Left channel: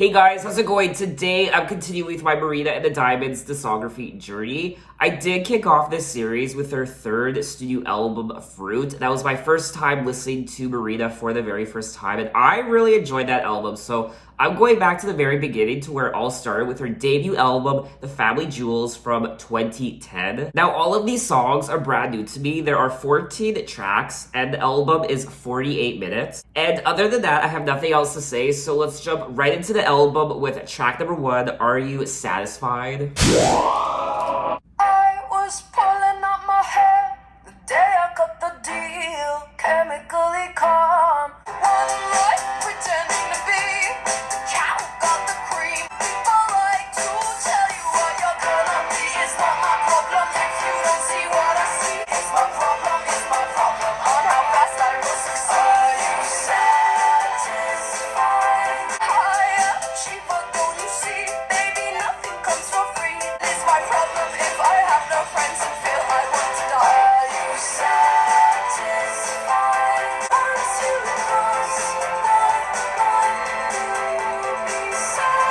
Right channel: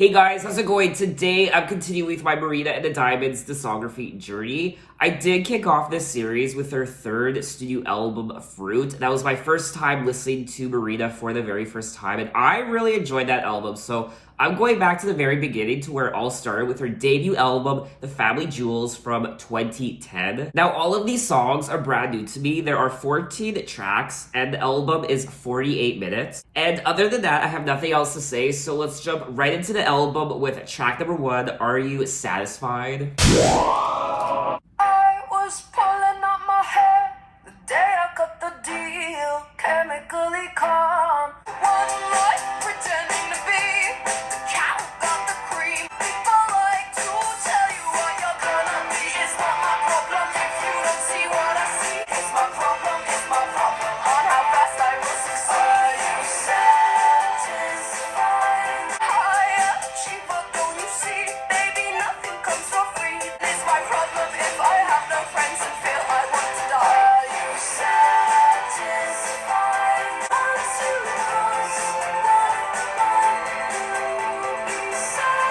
Hey guys, how's it going? Today, I'm continuing with my Marina and the Diamonds discography journey. I did kick off this series with her third studio album, Fruit. That was my first time listening to Marina for the very first time, and I really enjoyed that album, so I'm going back to the very beginning to where it all started with her debut album, The Family Jewels from 2010. Now, all of these songs are brand new to me. There are 14 tracks, and the album is 48 minutes. And other than that, I have nothing else to say, so let's jump right into the album with track number 1, Are You Satisfied? I was pulling up my hair the day I cut the deal, chemically calm. One life pretending to be the cow got the cream. People like to tell you what you're gonna be. It's not my problem if you don't see what I see. It's my problem on how fast I will succeed. Are you satisfied? Higher, cheaper, don't you see? Baby, nothing comes for free. It's my problem if I have no friends and feel I want to die. Are you satisfied? Once you cross the line, you'll be satisfied.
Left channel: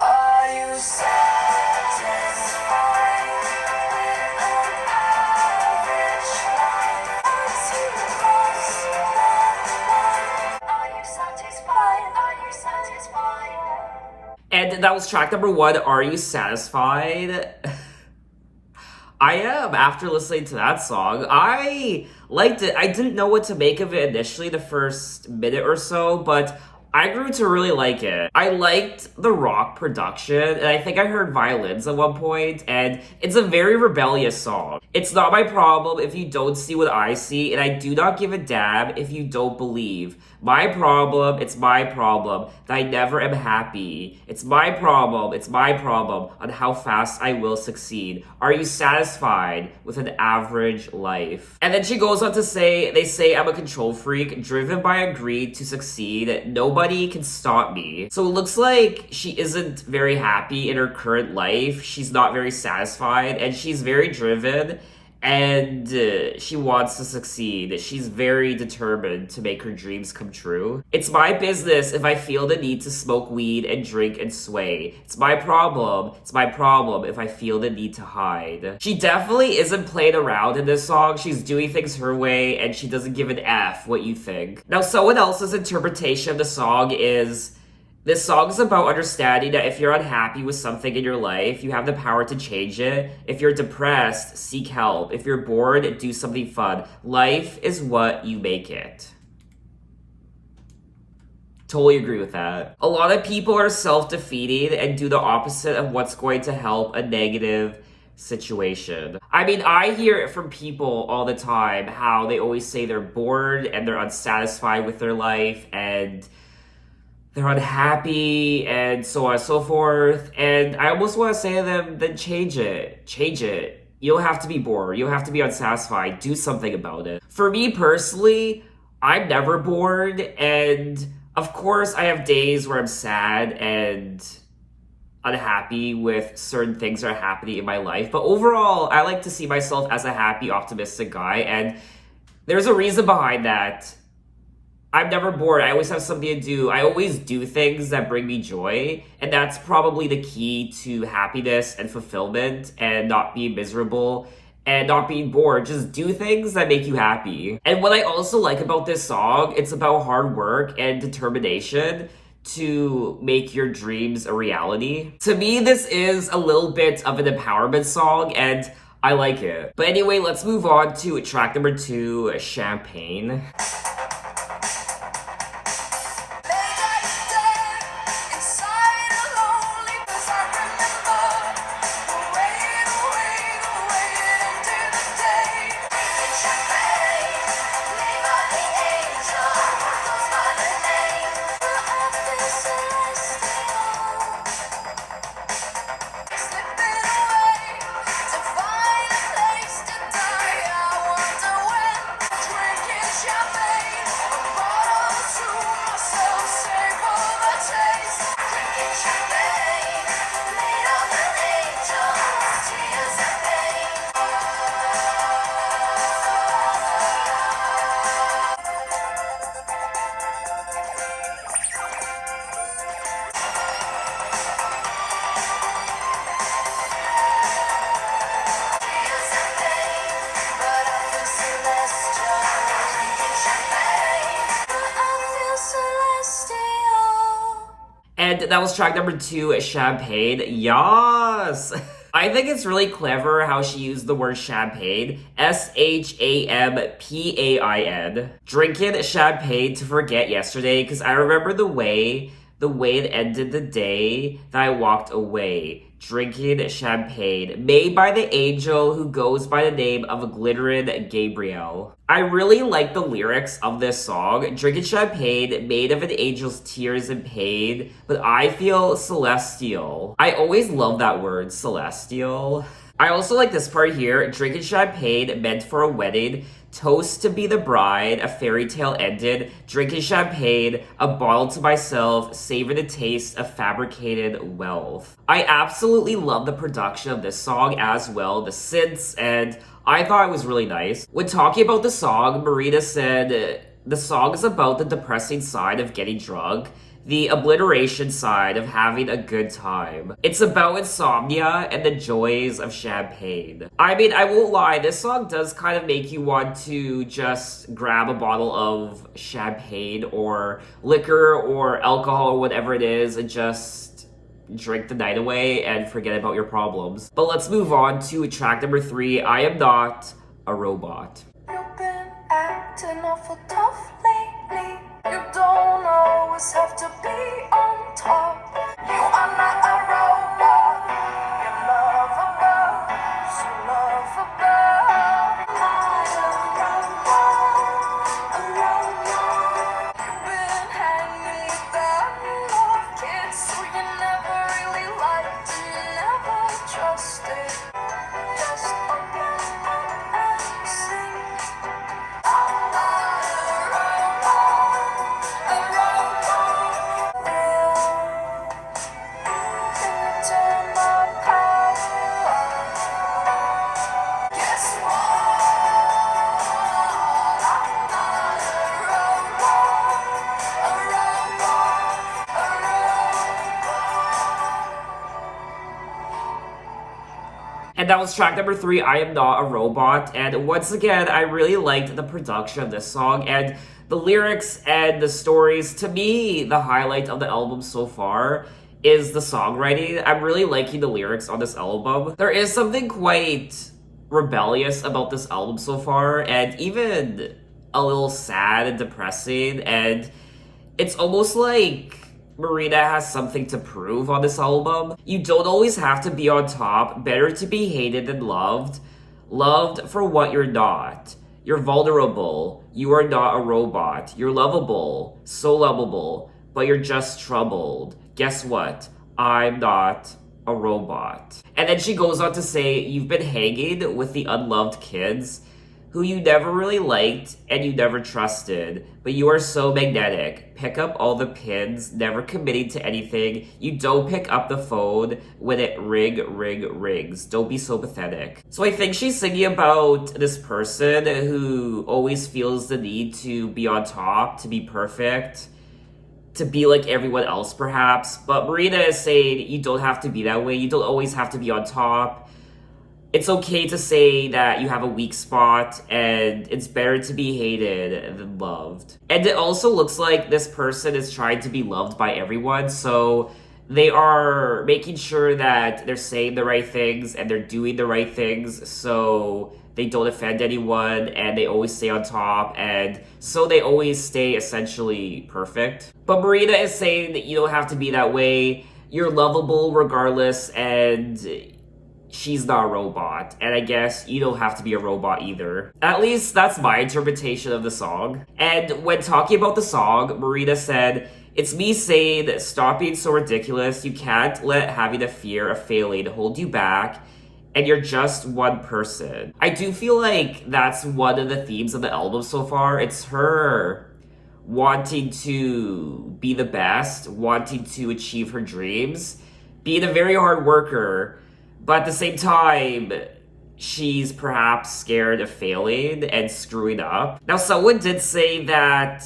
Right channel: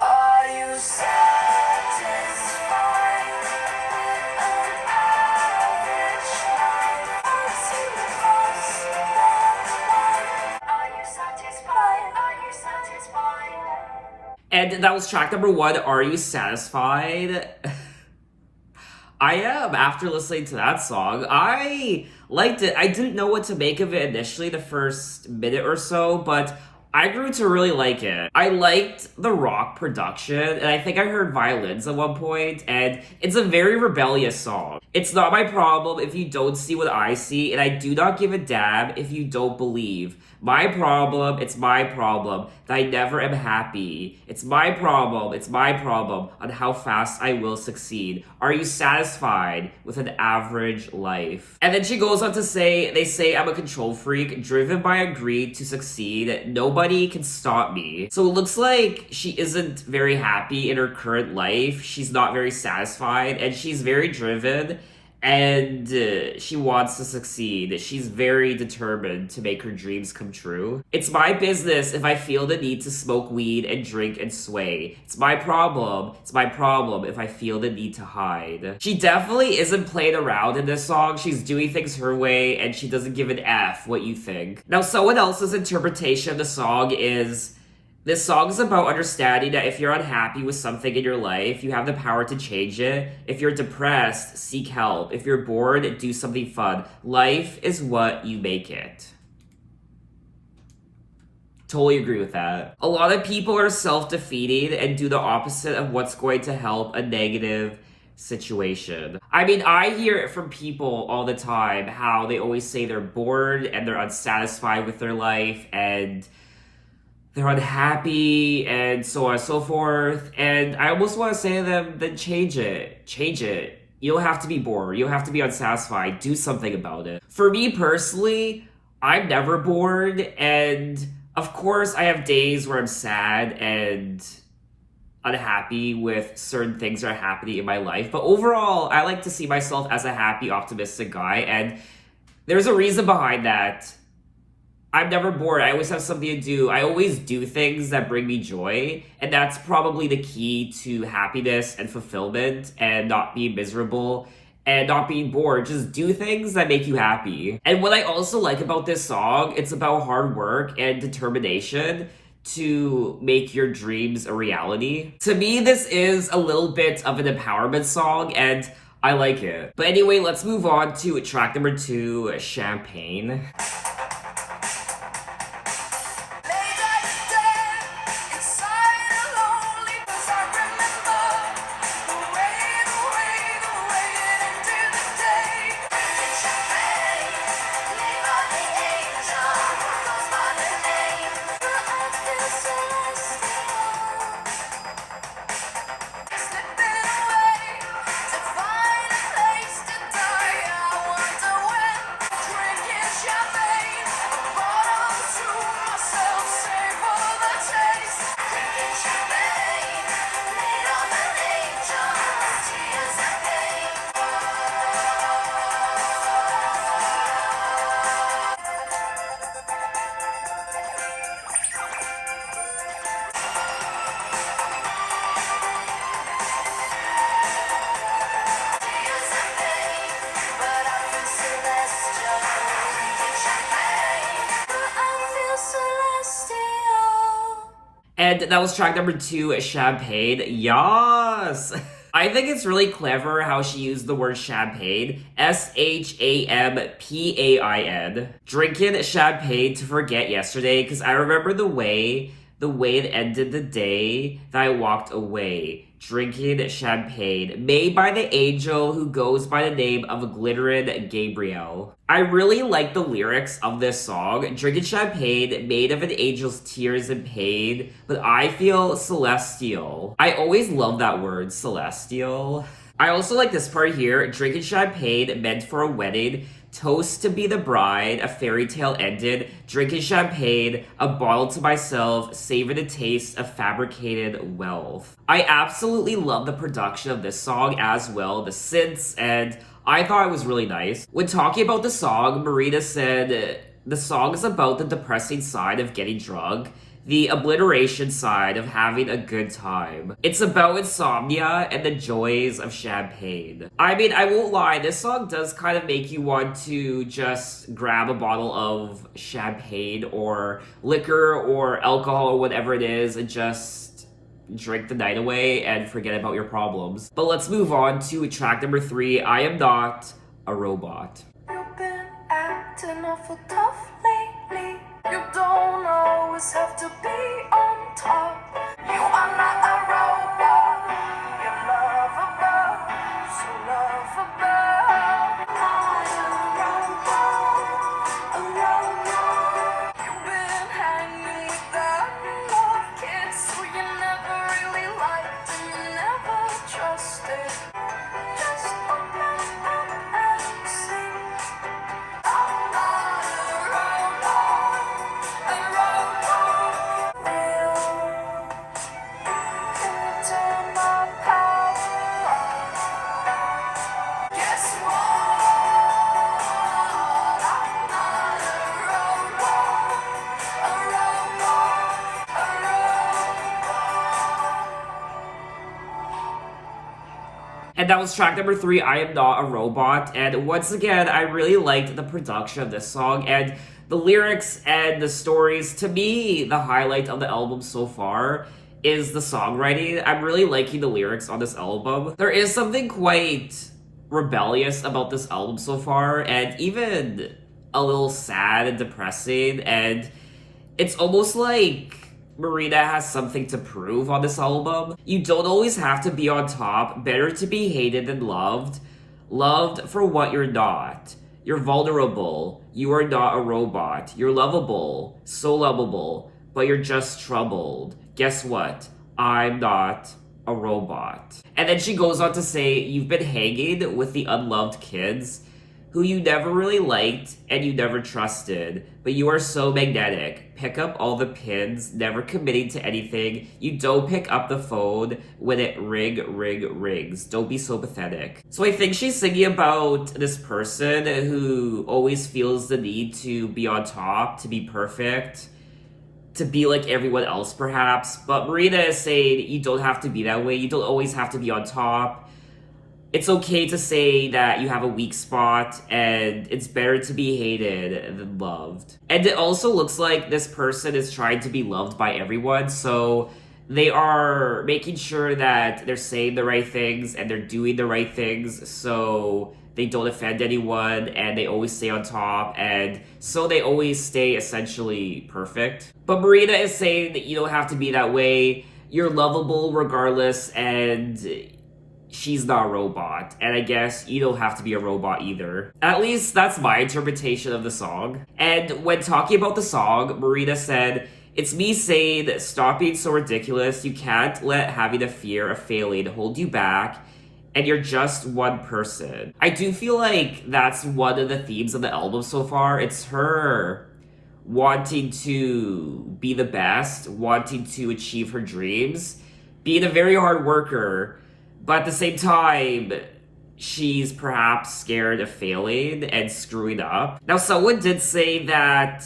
Are you satisfied with an average life? Once you cross the line, are you satisfied? Are you satisfied? And that was track number 1, Are You Satisfied? I am, after listening to that song. I liked it. I didn't know what to make of it initially, the first minute or so, but I grew to really like it. I liked the rock production, and I think I heard violins at one point, and it's a very rebellious song. It's not my problem if you don't see what I see, and I do not give a damn if you don't believe. My problem, it's my problem, that I never am happy. It's my problem on how fast I will succeed. Are you satisfied with an average life? And then she goes on to say, they say I'm a control freak, driven by a greed to succeed. Nobody can stop me. So it looks like she isn't very happy in her current life. She's not very satisfied, and she's very driven. And she wants to succeed. She's very determined to make her dreams come true. It's my business if I feel the need to smoke weed and drink and sway. It's my problem if I feel the need to hide. She definitely isn't playing around in this song. She's doing things her way, and she doesn't give an F what you think. Now, someone else's interpretation of the song is, this song is about understanding that if you're unhappy with something in your life, you have the power to change it. If you're depressed, seek help. If you're bored, do something fun. Life is what you make it. Totally agree with that. A lot of people are self-defeating and do the opposite of what's going to help a negative situation. I mean, I hear it from people all the time, how they always say they're bored and they're unsatisfied with their life and they're unhappy, and so on and so forth. And I almost want to say to them, then change it. Change it. You don't have to be bored. You don't have to be unsatisfied. Do something about it. For me personally, I'm never bored. And of course, I have days where I'm sad and unhappy with certain things that are happening in my life. But overall, I like to see myself as a happy, optimistic guy. And there's a reason behind that. I'm never bored. I always have something to do. I always do things that bring me joy. And that's probably the key to happiness and fulfillment and not being miserable and not being bored. Just do things that make you happy. And what I also like about this song, it's about hard work and determination to make your dreams a reality. To me, this is a little bit of an empowerment song, and I like it. But anyway, let's move on to track number 2, Champagne. Champagne. And that was track number 2, Champagne. Yas! I think it's really clever how she used the word champagne, Shampain, drinking champagne to forget yesterday, because I remember the way it ended the day that I walked away, drinking champagne, made by the angel who goes by the name of Glittering Gabriel. I really like the lyrics of this song, drinking champagne, made of an angel's tears and pain, but I feel celestial. I always love that word, celestial. I also like this part here, drinking champagne, meant for a wedding, toast to be the bride, a fairy tale ended, drinking champagne, a bottle to myself, savor the taste of fabricated wealth. I absolutely love the production of this song as well, the synths, and I thought it was really nice. When talking about the song, Marina said, the song is about the depressing side of getting drunk, the obliteration side of having a good time. It's about insomnia and the joys of champagne. I mean, I won't lie, this song does kind of make you want to just grab a bottle of champagne or liquor or alcohol or whatever it is and just drink the night away and forget about your problems. But let's move on to track number 3, I Am Not a Robot. You've been acting awful tough lately. You don't always have to be on top. You are not a robot. You're lovable, so lovable. Not a robot. You've been hanging down more kids who you never really liked and never trusted. Just open up and sing. I'm not a robot. A robot. Real. Can you turn my power on? Guess what? I'm not a robot. A robot. A robot. And that was track number 3, I Am Not a Robot. And once again, I really liked the production of this song and the lyrics and the stories. To me, the highlight of the album so far is the songwriting. I'm really liking the lyrics on this album. There is something quite rebellious about this album so far, and even a little sad and depressing, and it's almost like Marina has something to prove on this album. You don't always have to be on top. Better to be hated than loved. Loved for what you're not. You're vulnerable. You are not a robot. You're lovable. So lovable. But you're just troubled. Guess what? I'm not a robot. And then she goes on to say, you've been hanging with the unloved kids who you never really liked and you never trusted, but you are so magnetic. Pick up all the pins, never committing to anything. You don't pick up the phone when it rings. Don't be so pathetic. So I think she's singing about this person who always feels the need to be on top, to be perfect, to be like everyone else perhaps. But Marina is saying you don't have to be that way. You don't always have to be on top. It's okay to say that you have a weak spot, and it's better to be hated than loved. And it also looks like this person is trying to be loved by everyone, so they are making sure that they're saying the right things and they're doing the right things so they don't offend anyone and they always stay on top, and so they always stay essentially perfect. But Marina is saying that you don't have to be that way. You're lovable regardless, and she's not a robot, and I guess you don't have to be a robot either. At least that's my interpretation of the song. And when talking about the song, Marina said, it's me saying, stop being so ridiculous. You can't let having a fear of failing hold you back, and you're just one person. I do feel like that's one of the themes of the album so far. It's her wanting to be the best, wanting to achieve her dreams, being a very hard worker, but at the same time, she's perhaps scared of failing and screwing up. Now, someone did say that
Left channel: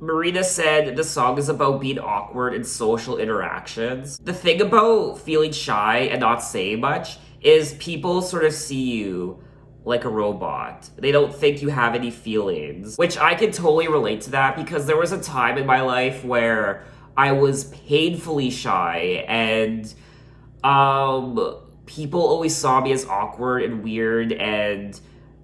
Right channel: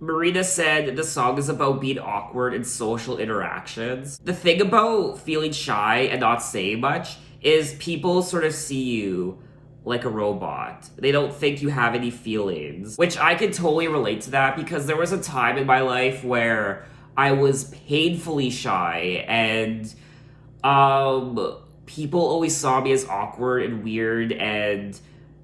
Marina said the song is about being awkward in social interactions. The thing about feeling shy and not saying much is people sort of see you like a robot. They don't think you have any feelings, which I can totally relate to that because there was a time in my life where I was painfully shy, and people always saw me as awkward and weird, and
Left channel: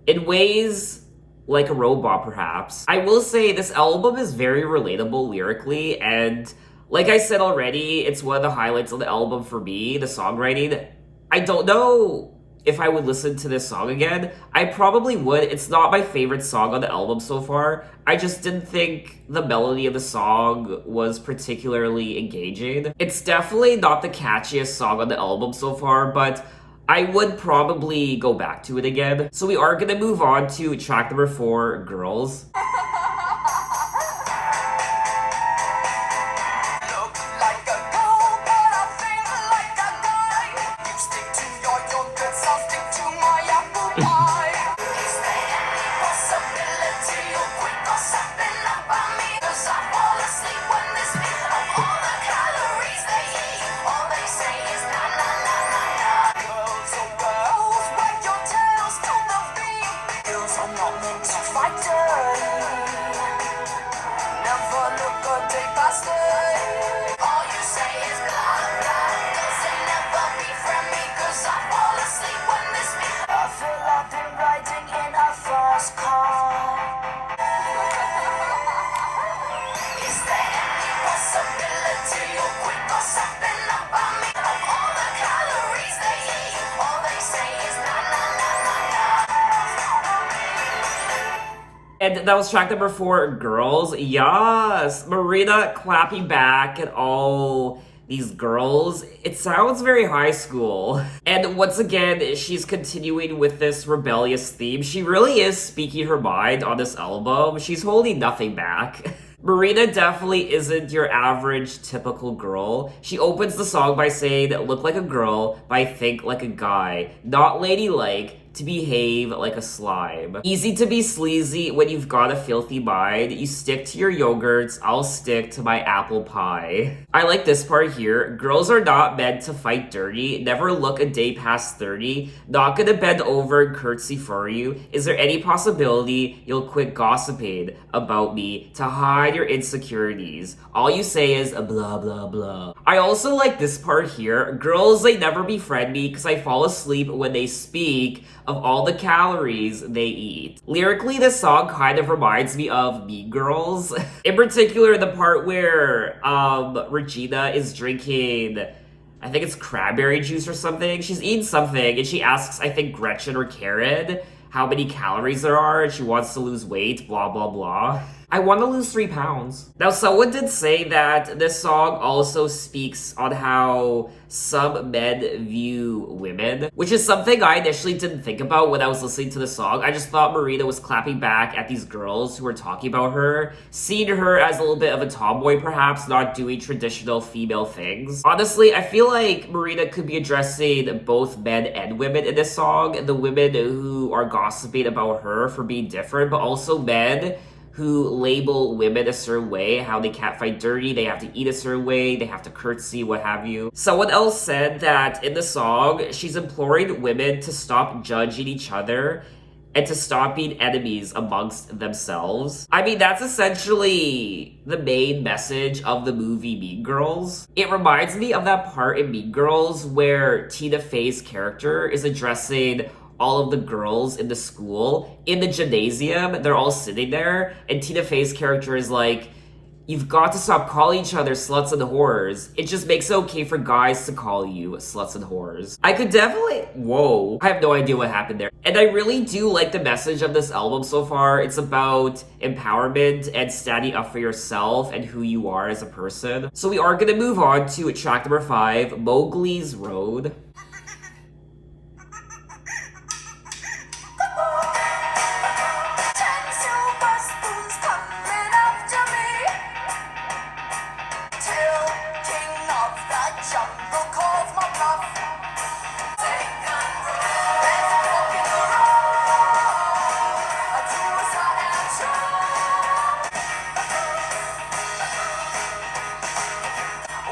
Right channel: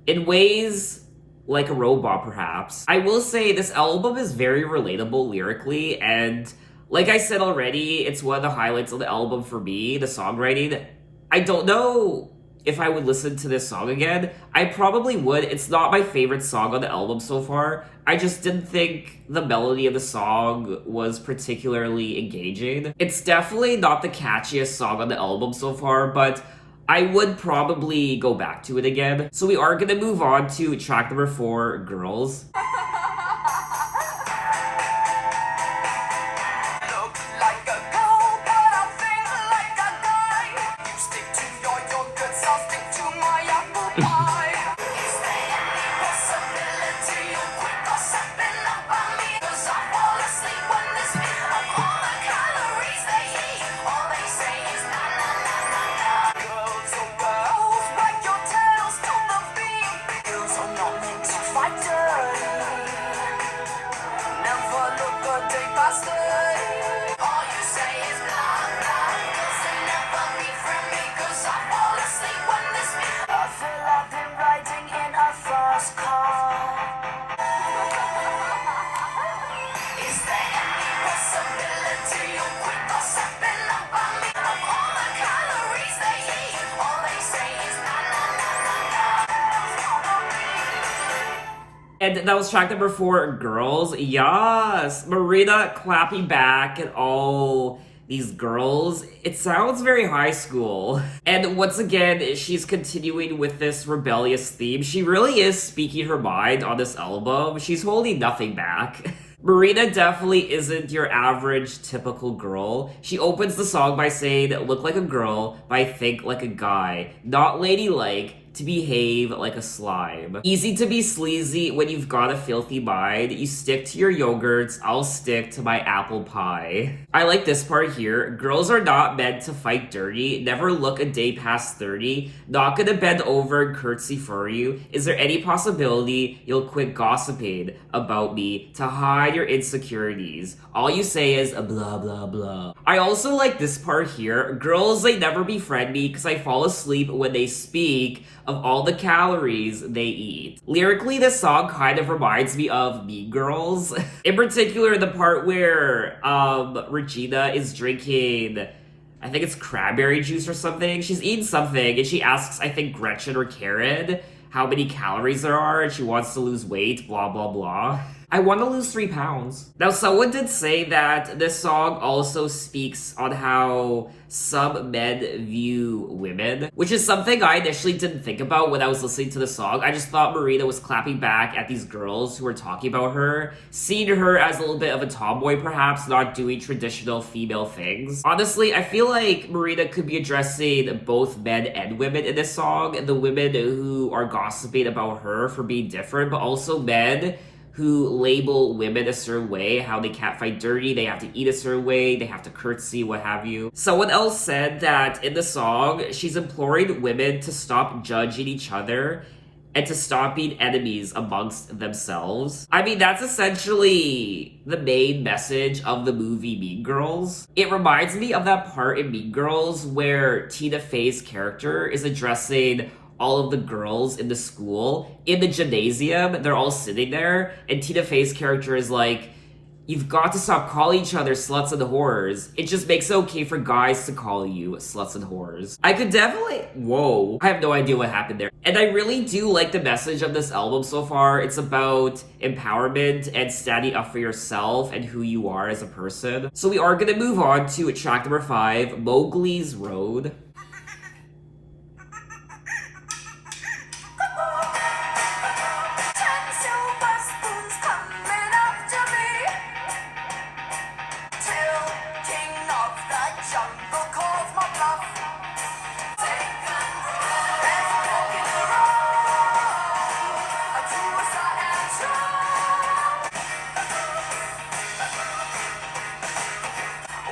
in ways like a robot, perhaps. I will say this album is very relatable lyrically, and like I said already, it's one of the highlights of the album for me, the songwriting. I don't know if I would listen to this song again. I probably would. It's not my favorite song on the album so far. I just didn't think the melody of the song was particularly engaging. It's definitely not the catchiest song on the album so far, but I would probably go back to it again. So we are gonna move on to track number 4, Girls. Look like a girl, but I feel like a guy. You stick to your yogurts, I'll stick to my apple pie. Is there any possibility you'll quick or something up on me? 'Cause I fall asleep when they speak of all the calories they eat. All they say is na na na na na. Girls, oh girls, wag your tails to the beat. Girls are not meant to fight dirty. Never look a day past day. All you say is blah blah. Girls they never befriend me 'cause I fall asleep when they speak. I feel I've been riding in a fast car. Is there any possibility you'll quick or something up on me? Of all the calories they eat, all they say is na na na na na. And that was track number 4, Girls. Yes! Marina clapping back at all these girls. It sounds very high school. And once again, she's continuing with this rebellious theme. She really is speaking her mind on this album. She's holding nothing back. Marina definitely isn't your average typical girl. She opens the song by saying, "Look like a girl, but I think like a guy. Not ladylike, to behave like a slime. Easy to be sleazy when you've got a filthy mind. You stick to your yogurts, I'll stick to my apple pie." I like this part here. Girls are not meant to fight dirty. Never look a day past 30. Not gonna bend over and curtsy for you. Is there any possibility you'll quit gossiping about me to hide your insecurities? All you say is blah blah blah. I also like this part here. Girls, they never befriend me because I fall asleep when they speak of all the calories they eat. Lyrically, this song kind of reminds me of Mean Girls. In particular, the part where Regina is drinking, I think it's cranberry juice or something. She's eating something and she asks, I think Gretchen or Karen, how many calories there are, and she wants to lose weight, blah blah blah. I want to lose 3 pounds. Now, someone did say that this song also speaks on how some men view women, which is something I initially didn't think about when I was listening to the song. I just thought Marina was clapping back at these girls who were talking about her, seeing her as a little bit of a tomboy, perhaps, not doing traditional female things. Honestly, I feel like Marina could be addressing both men and women in this song. The women who are gossiping about her for being different, but also men who label women a certain way, how they can't fight dirty, they have to eat a certain way, they have to curtsy, what have you. Someone else said that in the song, she's imploring women to stop judging each other and to stop being enemies amongst themselves. I mean, that's essentially the main message of the movie Mean Girls. It reminds me of that part in Mean Girls where Tina Fey's character is addressing all of the girls in the school. In the gymnasium, they're all sitting there, and Tina Fey's character is like, you've got to stop calling each other sluts and whores. It just makes it okay for guys to call you sluts and whores. I could definitely... Whoa. I have no idea what happened there. And I really do like the message of this album so far. It's about empowerment and standing up for yourself and who you are as a person. So we are gonna move on to track number 5, Mowgli's Road. 10 silver spoons coming after me, till king of the jungle calls my bluff. Take control. There's a fork in the road, a suicide and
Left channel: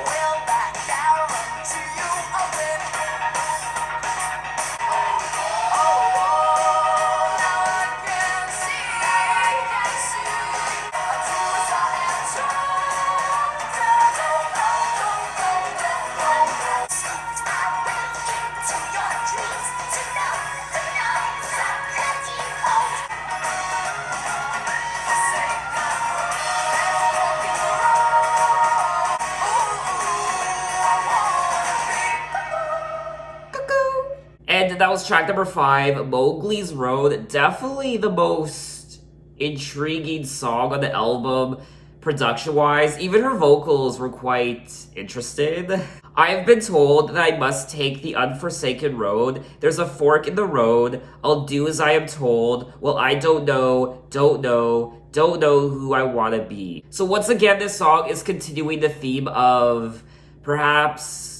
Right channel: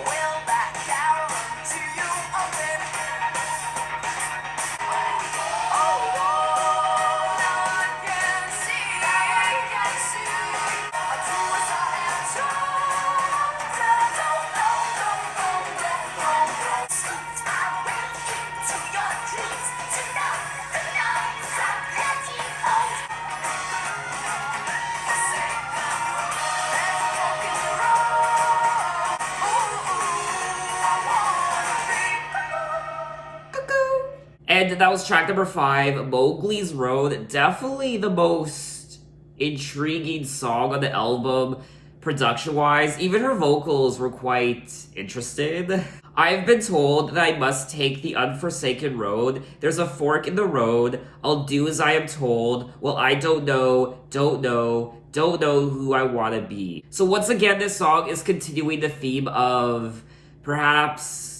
Will that guarantee you a win? And that was track number 5, Mowgli's Road. Definitely the most intriguing song on the album, production-wise. Even her vocals were quite interesting. I've been told that I must take the unforsaken road. There's a fork in the road. I'll do as I am told. Well, I don't know who I want to be. So once again, this song is continuing the theme of perhaps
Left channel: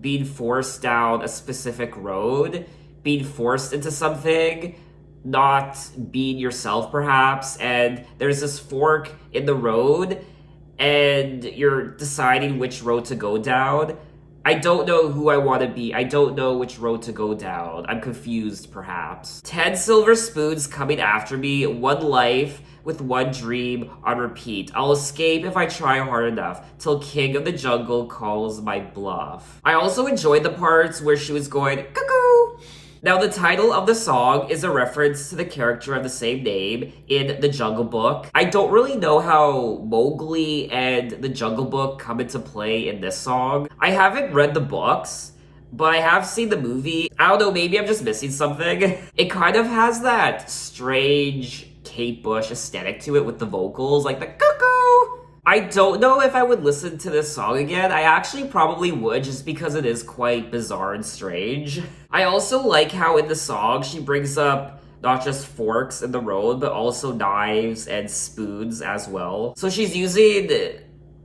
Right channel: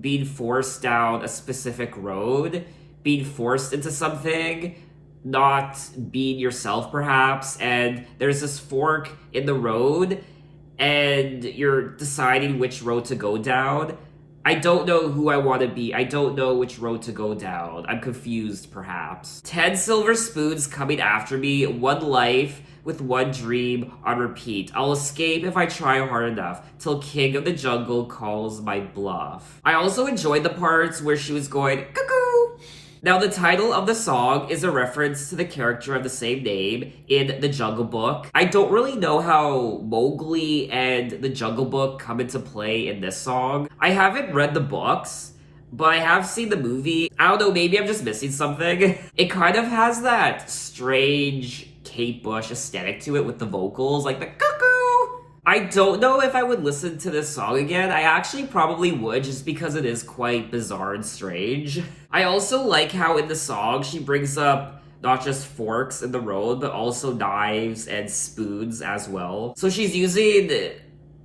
being forced down a specific road, being forced into something, not being yourself perhaps, and there's this fork in the road, and you're deciding which road to go down. I don't know who I want to be. I don't know which road to go down. I'm confused, perhaps. 10 silver spoons coming after me, one life with one dream on repeat. I'll escape if I try hard enough, till King of the Jungle calls my bluff. I also enjoyed the parts where she was going, cuckoo! Now, the title of the song is a reference to the character of the same name in The Jungle Book. I don't really know how Mowgli and The Jungle Book come into play in this song. I haven't read the books, but I have seen the movie. I don't know, maybe I'm just missing something. It kind of has that strange Kate Bush aesthetic to it with the vocals, like the cuckoo. I don't know if I would listen to this song again. I actually probably would, just because it is quite bizarre and strange. I also like how in the song she brings up not just forks in the road, but also knives and spoons as well. So she's using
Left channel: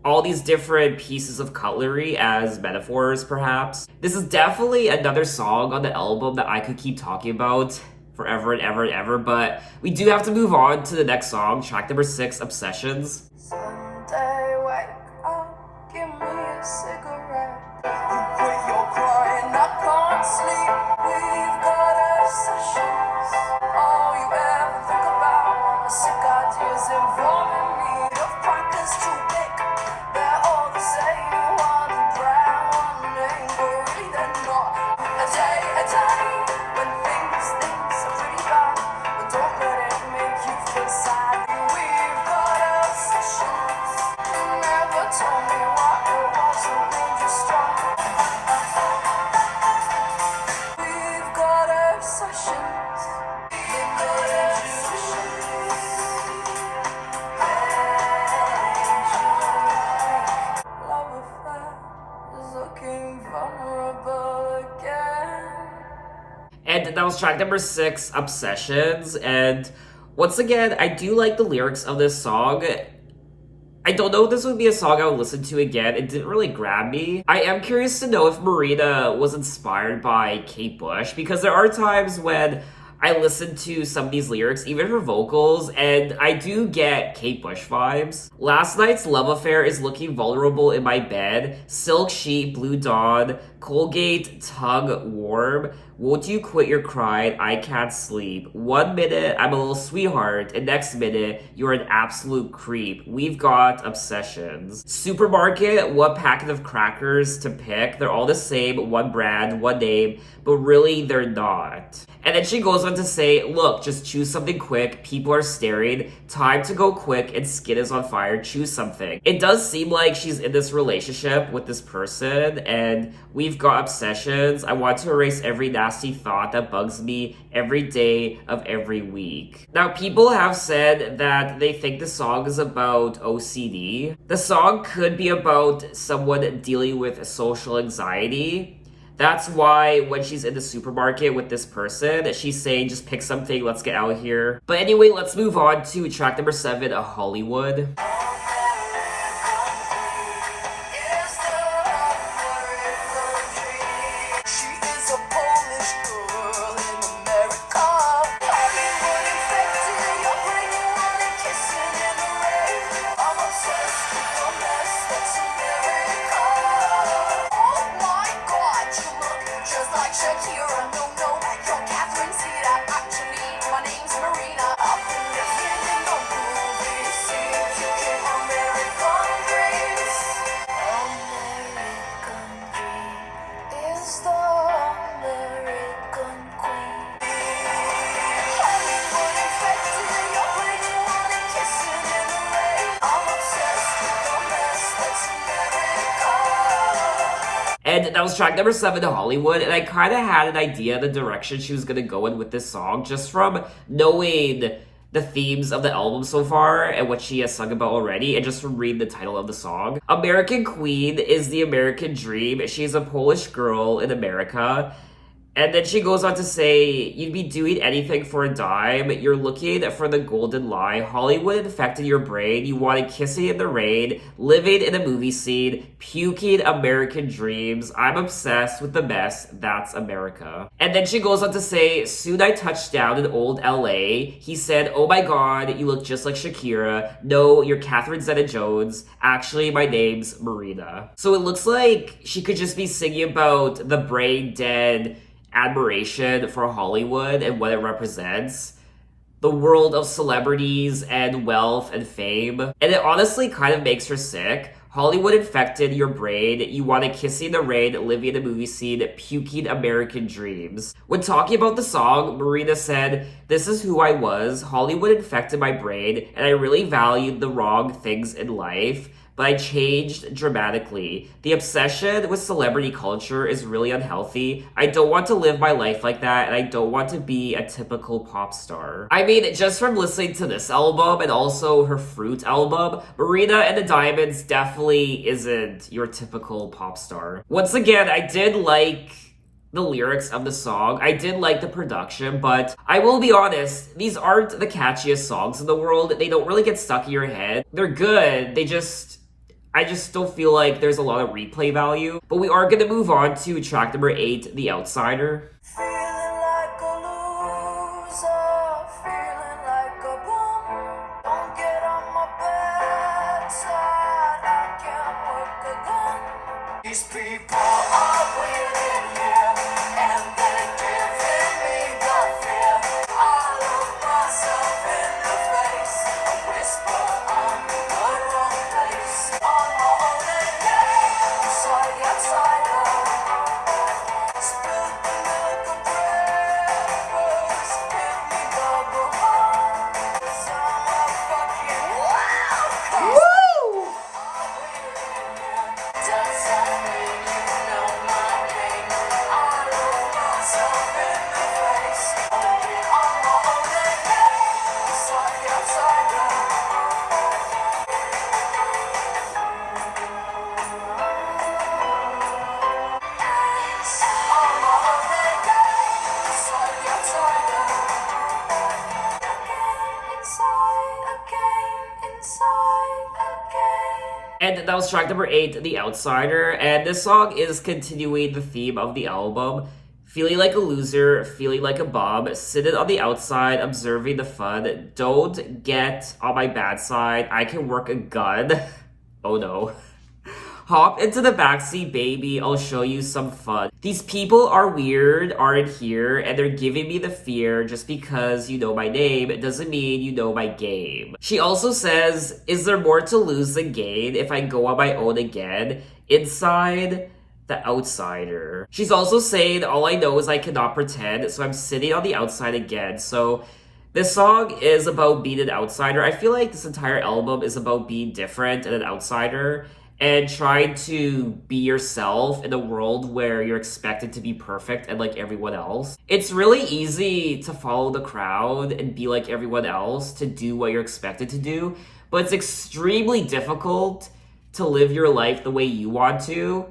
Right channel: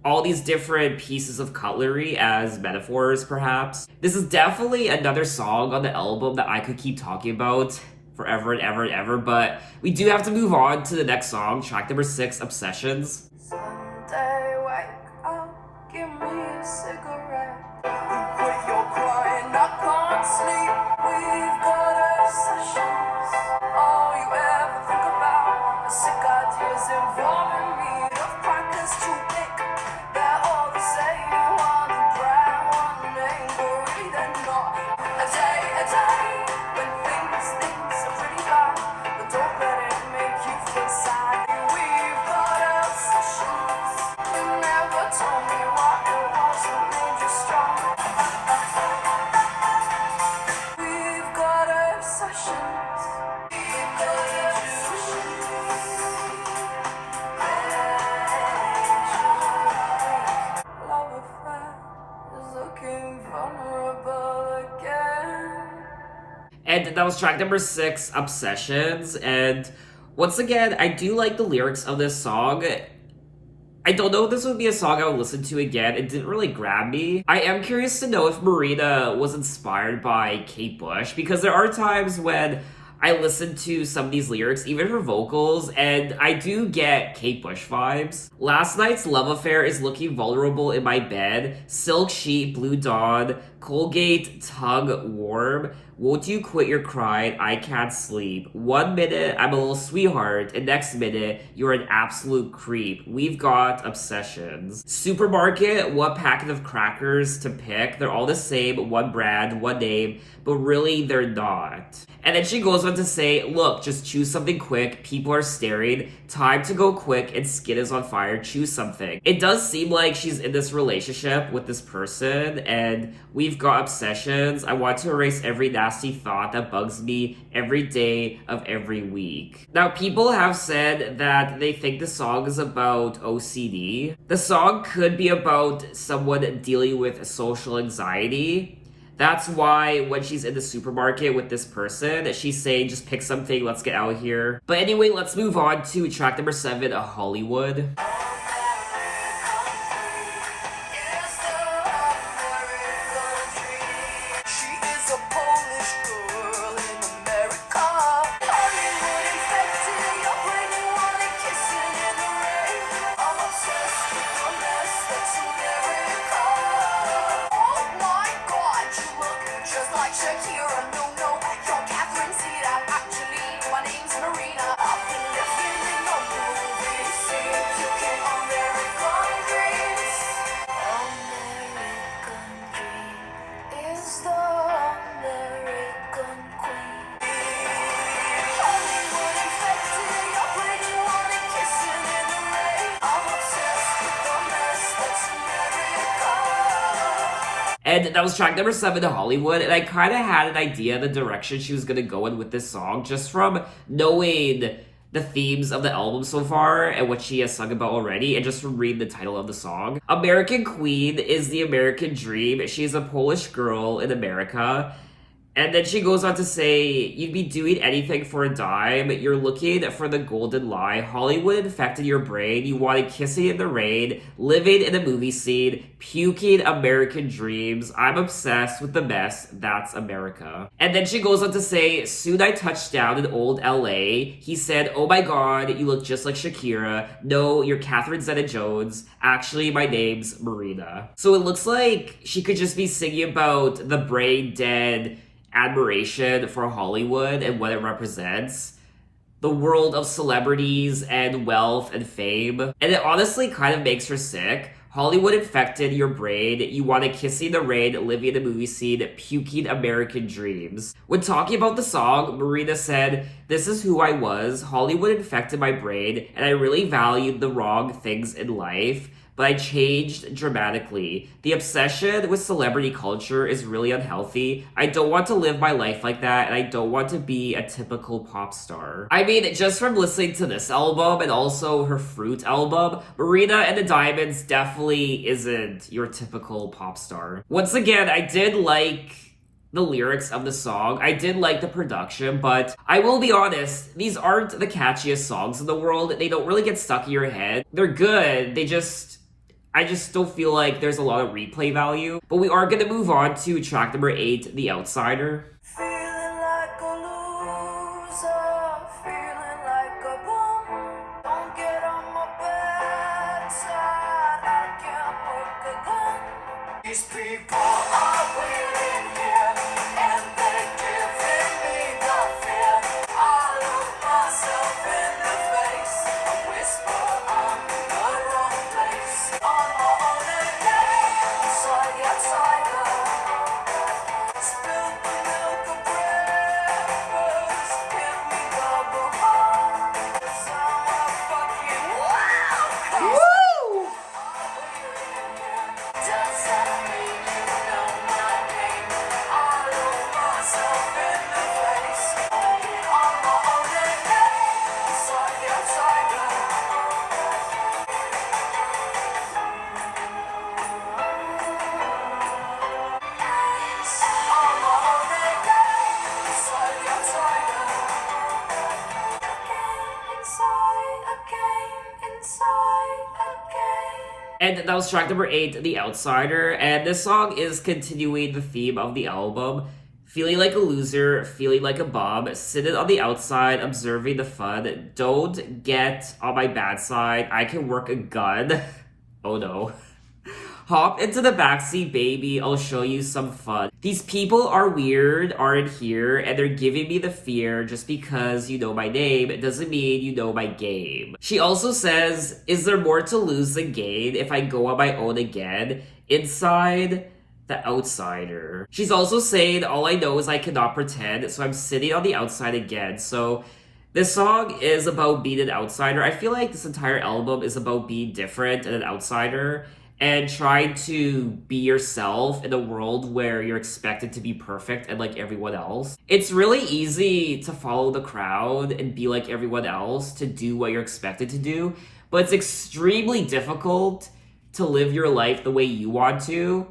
all these different pieces of cutlery as metaphors, perhaps. This is definitely another song on the album that I could keep talking about forever and ever and ever, but we do have to move on to the next song, track number 6, Obsessions. Sunday, wake up, give me a cigarette. You quit your crying, I can't sleep. We've got obsessions. All you ever think about are sick ideas involving me. The crackers too big, they're all the same. One brand, one name, worry they're not. A day, when things are pretty bad. But don't let it make you feel sad. We've got obsessions. You never told me what it was that made you strong. We've got obsessions. We've got obsessions. Love affair is looking vulnerable again. And that was track number 6, Obsessions. And once again, I do like the lyrics of this song. I don't know if this would be a song I would listen to again. It didn't really grab me. I am curious to know if Marina was inspired by Kate Bush, because there are times when I listen to some of these lyrics, even her vocals, and I do get Kate Bush vibes. Last night's love affair is looking vulnerable in my bed. Silk sheet, blue dawn, Colgate tongue warm. Won't you quit your crying? I can't sleep. 1 minute, I'm a little sweetheart, and next minute, you're an absolute creep. We've got obsessions. Supermarket, what packet of crackers to pick? They're all the same, one brand, one name, but really they're not. And then she goes on to say, look, just choose something quick. People are staring. Time to go quick and skin is on fire. Choose something. It does seem like she's in this relationship with this person and we've got obsessions. I want to erase every nasty thought that bugs me every day of every week. Now, people have said that they think the song is about OCD. The song could be about someone dealing with social anxiety. That's why when she's in the supermarket with this person, she's saying, just pick something, let's get out of here. But anyway, let's move on to track number 7, A Hollywood. My name's Marina. I've been living in a movie scene. You And that was track number 7 to Hollywood, and I kind of had an idea the direction she was gonna go in with this song just from knowing the themes of the album so far and what she has sung about already, and just from reading the title of the song. American Queen is the American dream. She's a Polish girl in America. And then she goes on to say, you'd be doing anything for a dime. You're looking for the golden lie. Hollywood infected your brain. You wanted kissing in the rain, living in a movie scene, puking American dreams. I'm obsessed with the mess. That's America. And then she goes on to say, soon I touched down in old LA. He said, oh my God, you look just like Shakira. No, you're Catherine Zeta-Jones. Actually, my name's Marina. So it looks like she could just be singing about the brain dead admiration for Hollywood and what it represents, the world of celebrities and wealth and fame. And it honestly kind of makes her sick. Hollywood infected your brain. You wanted kissing the rain, living in a movie scene, puking American dreams. When talking about the song, Marina said, this is who I was. Hollywood infected my brain, and I really valued the wrong things in life. But I changed dramatically. The obsession with celebrity culture is really unhealthy. I don't want to live my life like that, and I don't want to be a typical pop star. I mean, just from listening to this album and also her Fruit album, Marina and the Diamonds definitely isn't your typical pop star. Once again, I did like the lyrics of the song. I did like the production, but I will be honest, these aren't the catchiest songs in the world. They don't really get stuck in your head. They're good. I just still feel like there's a lot of replay value. But we are gonna move on to track number 8, The Outsider. Feeling like a loser, feeling like a bum. Don't get on my bad side, I can't work again. These people are waiting here, and they're giving me the fear. I look myself in the face, I whisper I'm in the wrong place. On my own again, inside the outsider. Spilled the milk of breakfast, give me double heart. 'Cause I'm a fucking wild card. Does that mean you know my name? I look myself in the face. On my own again, inside the outsider. And that was track number 8, The Outsider. And this song is continuing the theme of the album. Feeling like a loser, feeling like a bum, sitting on the outside, observing the fun. Don't get on my bad side. I can work a gun. Oh no. Hop into the backseat, baby. I'll show you some fun. These people are weird, aren't here, and they're giving me the fear. Just because you know my name, it doesn't mean you know my game. She also says, is there more to lose than gain if I go on my own again? Inside, the outsider. She's also saying, all I know is I cannot pretend, so I'm sitting on the outside again. So this song is about being an outsider. I feel like this entire album is about being different and an outsider, and trying to be yourself in a world where you're expected to be perfect and like everyone else. It's really easy to follow the crowd and be like everyone else, to do what you're expected to do, but it's extremely difficult to live your life the way you want to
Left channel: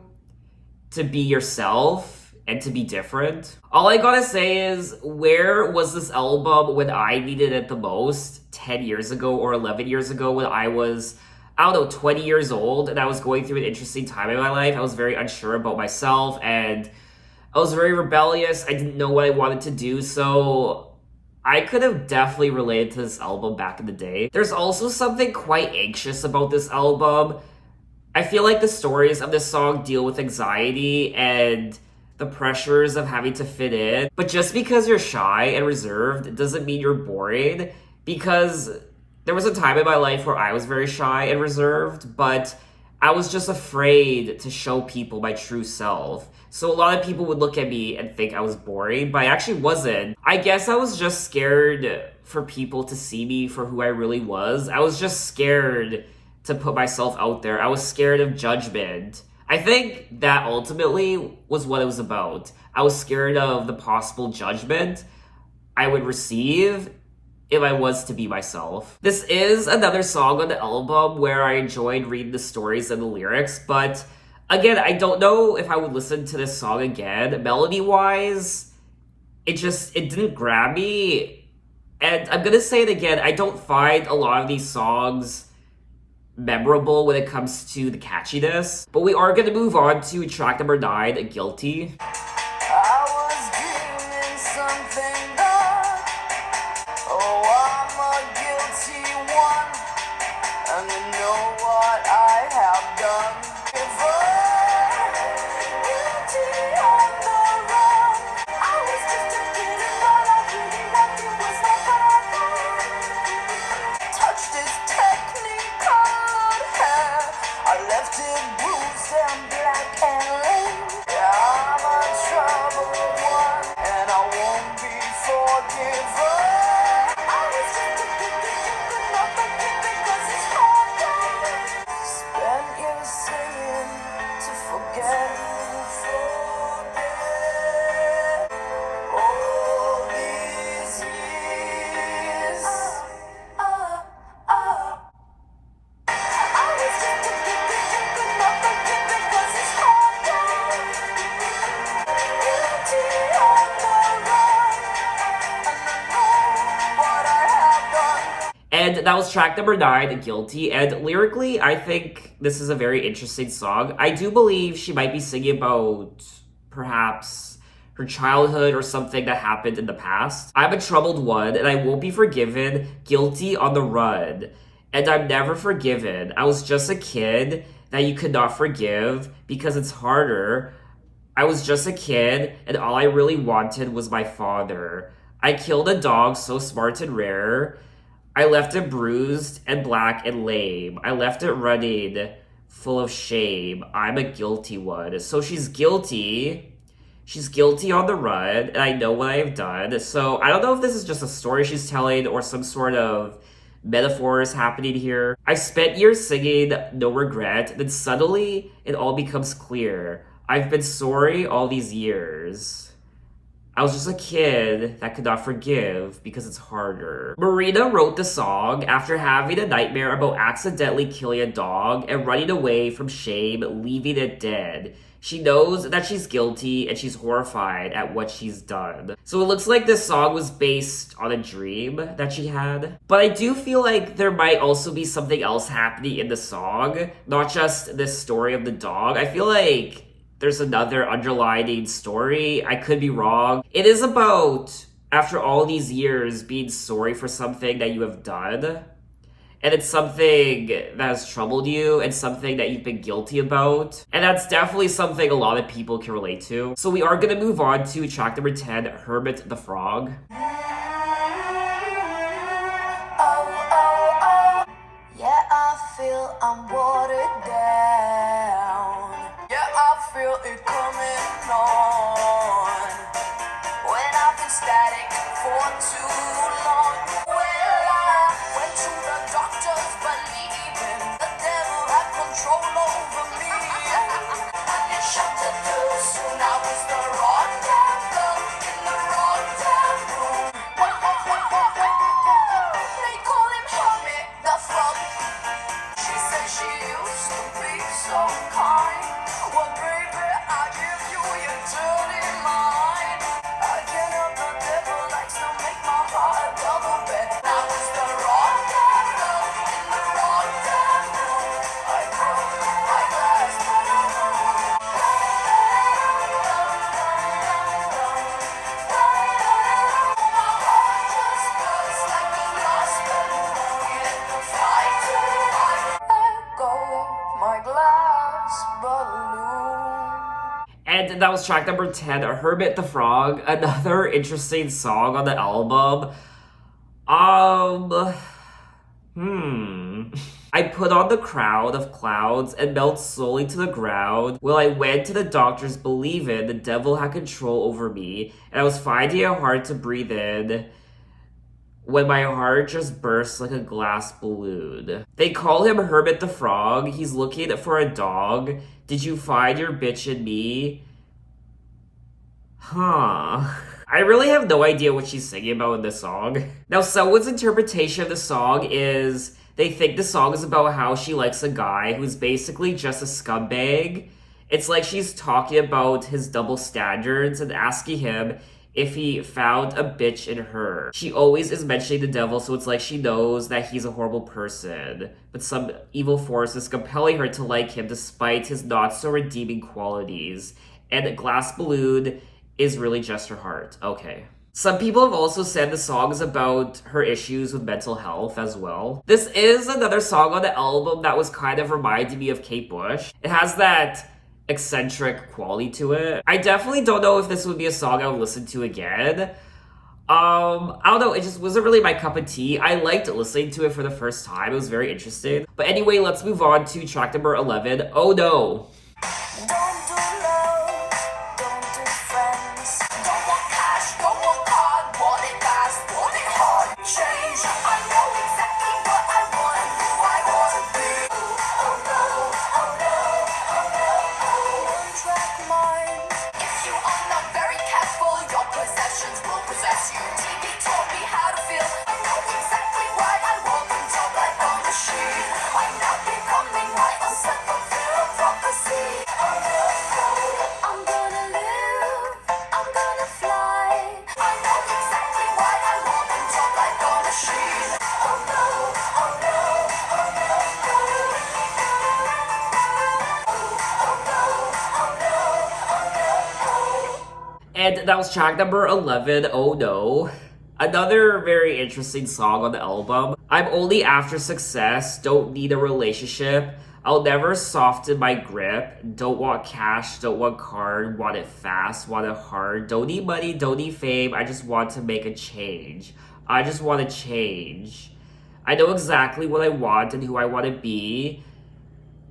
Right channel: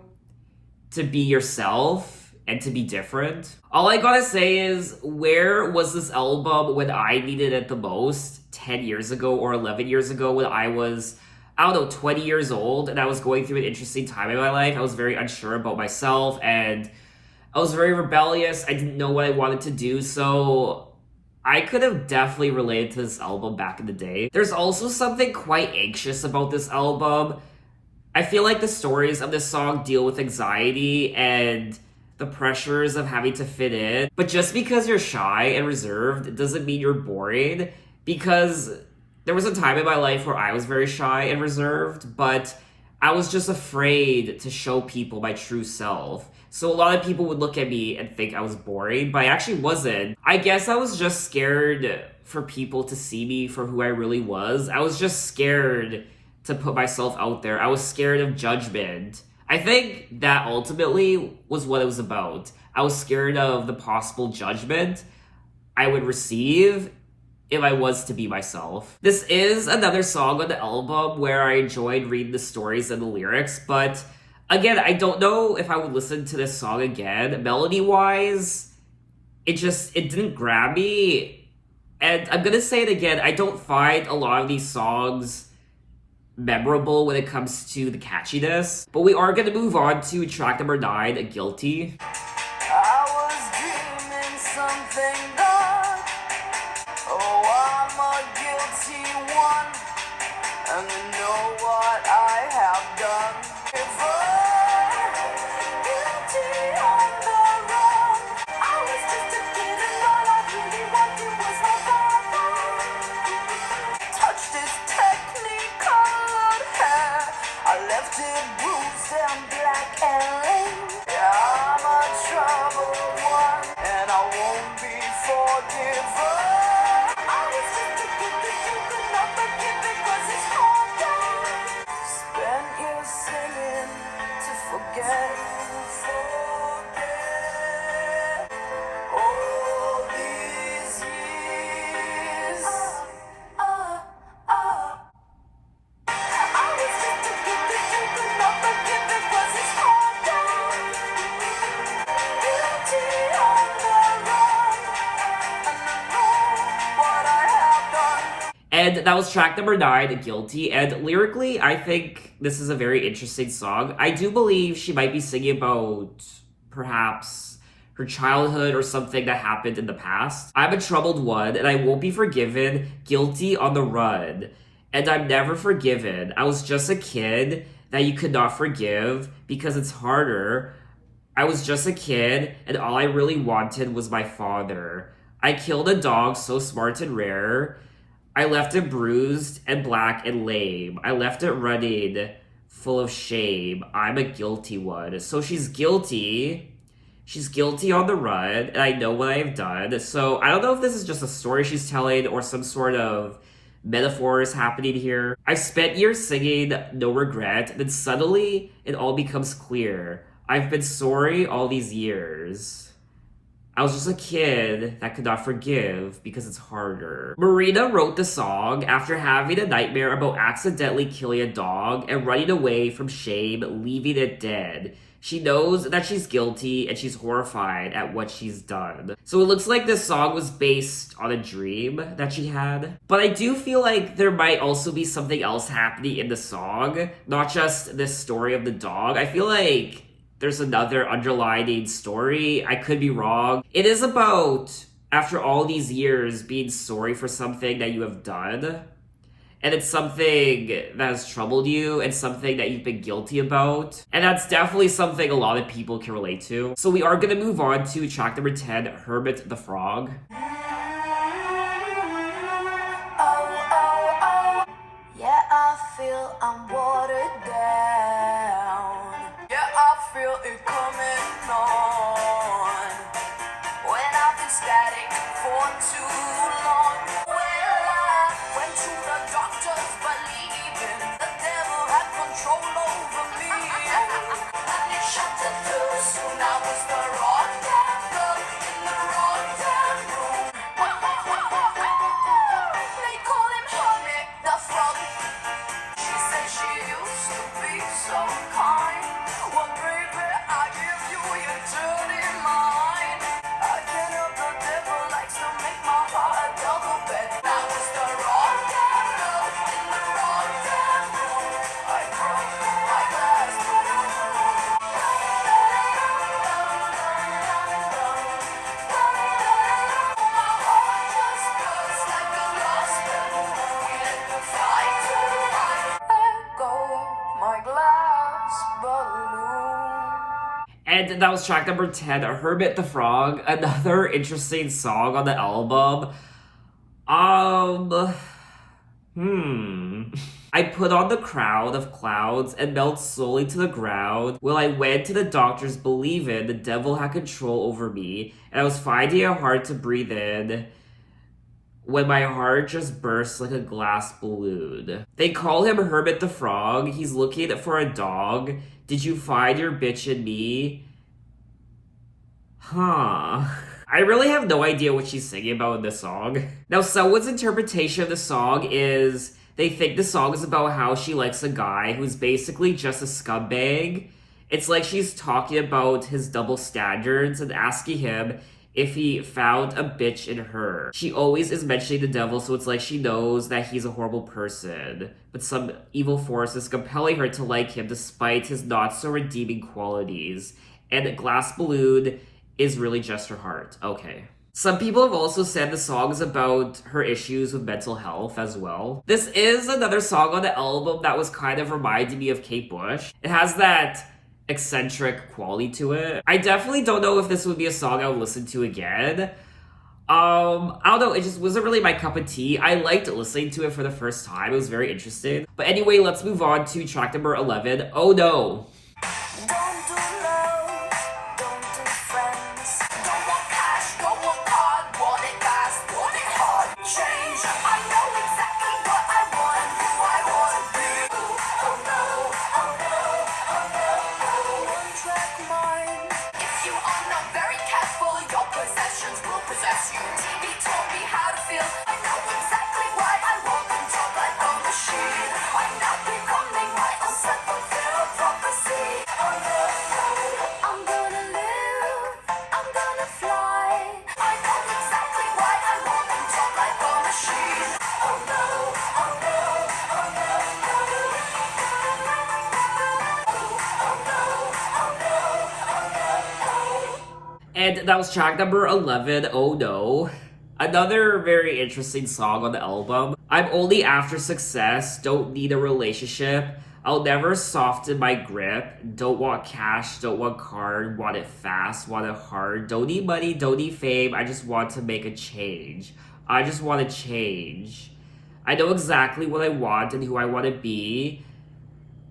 be yourself and to be different. All I gotta say is, where was this album when I needed it the most 10 years ago or 11 years ago, when I was, I don't know, 20 years old, and I was going through an interesting time in my life. I was very unsure about myself, and I was very rebellious. I didn't know what I wanted to do, so I could have definitely related to this album back in the day. There's also something quite anxious about this album. I feel like the stories of this song deal with anxiety and the pressures of having to fit in. But just because you're shy and reserved doesn't mean you're boring, because there was a time in my life where I was very shy and reserved, but I was just afraid to show people my true self. So a lot of people would look at me and think I was boring, but I actually wasn't. I guess I was just scared for people to see me for who I really was. I was just scared to put myself out there. I was scared of judgment. I think that ultimately was what it was about. I was scared of the possible judgment I would receive if I was to be myself. This is another song on the album where I enjoyed reading the stories and the lyrics, but again, I don't know if I would listen to this song again. Melody-wise, it didn't grab me. And I'm gonna say it again, I don't find a lot of these songs memorable when it comes to the catchiness. But we are gonna move on to track number 9, Guilty. I was dreaming something dark. Oh, I'm a guilty one, and you know what I have done. If I'm guilty on the run, I was just a kid, and all I really wanted was my father. Touched his technicolored hair, I left it bruised and black and lame. Yeah, I'm a troubled one, and I won't be forgiven. I was just a kid that you could not forgive because it's hard. Spent years singing to forget. All these years. I was just a kid that you could not forgive because it's hard. Guilty on the run, and I know what I have done. And that was track number 9, Guilty. And lyrically, I think this is a very interesting song. I do believe she might be singing about perhaps her childhood or something that happened in the past. I'm a troubled one, and I won't be forgiven. Guilty on the run. And I'm never forgiven. I was just a kid that you could not forgive because it's harder. I was just a kid, and all I really wanted was my father. I killed a dog so smart and rare. I left it bruised and black and lame. I left it running, full of shame. I'm a guilty one. So she's guilty. She's guilty on the run, and I know what I've done. So I don't know if this is just a story she's telling or some sort of metaphors happening here. I've spent years singing no regret, then suddenly it all becomes clear. I've been sorry all these years. I was just a kid that could not forgive because it's harder. Marina wrote the song after having a nightmare about accidentally killing a dog and running away from shame, leaving it dead. She knows that she's guilty and she's horrified at what she's done. So it looks like this song was based on a dream that she had. But I do feel like there might also be something else happening in the song, not just this story of the dog. I feel like there's another underlying story. I could be wrong. It is about, after all these years, being sorry for something that you have done. And it's something that has troubled you and something that you've been guilty about. And that's definitely something a lot of people can relate to. So we are going to move on to track number 10, Hermit the Frog. Oh, oh, oh. Yeah, I feel I'm watered down. Yeah, I feel it coming on. When I've been static for too long. Well, I went to the doctors believing the devil had control over me. And it shut it too soon. I was the wrong damn girl in the wrong damn room. They call him Hermit the Frog. She said she used to be so kind. Well, baby, I give you your dirty mind. I can't help the devil likes to make my heart double bet. I was the wrong damn girl in the wrong damn room. I broke my glass. My heart just burst like a lost balloon. Let the fight to let go of my glass balloon. And that was track number 10, Hermit the Frog. Another interesting song on the album. I put on the crown of clouds and melt slowly to the ground. Well, I went to the doctors believing the devil had control over me, and I was finding it hard to breathe in when my heart just burst like a glass balloon. They call him Hermit the Frog. He's looking for a dog Did you find your bitch in me? Huh. I really have no idea what she's singing about in this song. Now, someone's interpretation of the song is they think the song is about how she likes a guy who's basically just a scumbag. It's like she's talking about his double standards and asking him if he found a bitch in her. She always is mentioning the devil, so it's like she knows that he's a horrible person, but some evil force is compelling her to like him despite his not so redeeming qualities. And Glass Balloon is really just her heart. Okay. Some people have also said the song is about her issues with mental health as well. This is another song on the album that was kind of reminding me of Kate Bush. It has that eccentric quality to it. I definitely don't know if this would be a song I would listen to again. I don't know, it just wasn't really my cup of tea. I liked listening to it for the first time. It was very interesting. But anyway, let's move on to track number 11, Oh No. Don't do love, don't do friends. Don't want cash, don't want card. Want it fast, want it hard. Change, I know exactly what I want, who I want to be. Oh no, oh no, oh no, oh. One track mind. If you are not very careful, your possessions will possess you. TV taught me how to feel. I know exactly why I walk and talk like a machine. I'm not becoming my own self-fulfilled prophecy. Oh no, I'm gonna live, I'm gonna fly. I know exactly why I walk and talk like a machine. Oh no, oh no, oh no, oh no, oh no, oh no. And that was track number 11, Oh No. Another very interesting song on the album. I'm only after success, don't need a relationship. I'll never soften my grip. Don't want cash, don't want card, want it fast, want it hard. Don't need money, don't need fame. I just want to make a change. I just want to change. I know exactly what I want and who I want to be.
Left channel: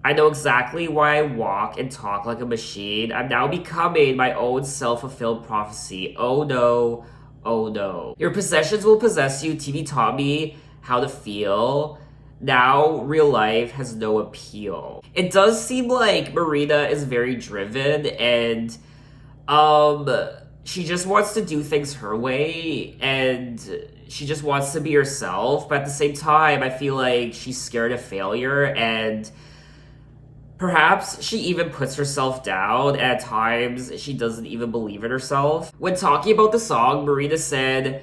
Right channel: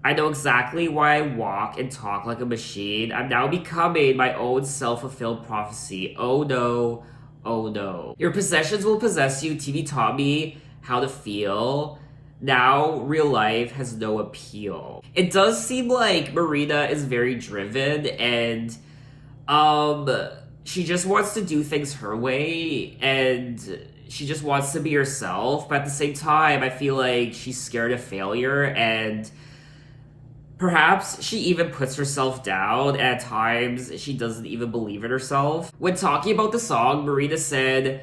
I know exactly why I walk and talk like a machine. I'm now becoming my own self-fulfilled prophecy. Oh no, oh no. Your possessions will possess you. TV taught me how to feel. Now real life has no appeal. It does seem like Marina is very driven and she just wants to do things her way and she just wants to be herself, but at the same time I feel like she's scared of failure and perhaps she even puts herself down, and at times she doesn't even believe in herself. When talking about the song, Marina said,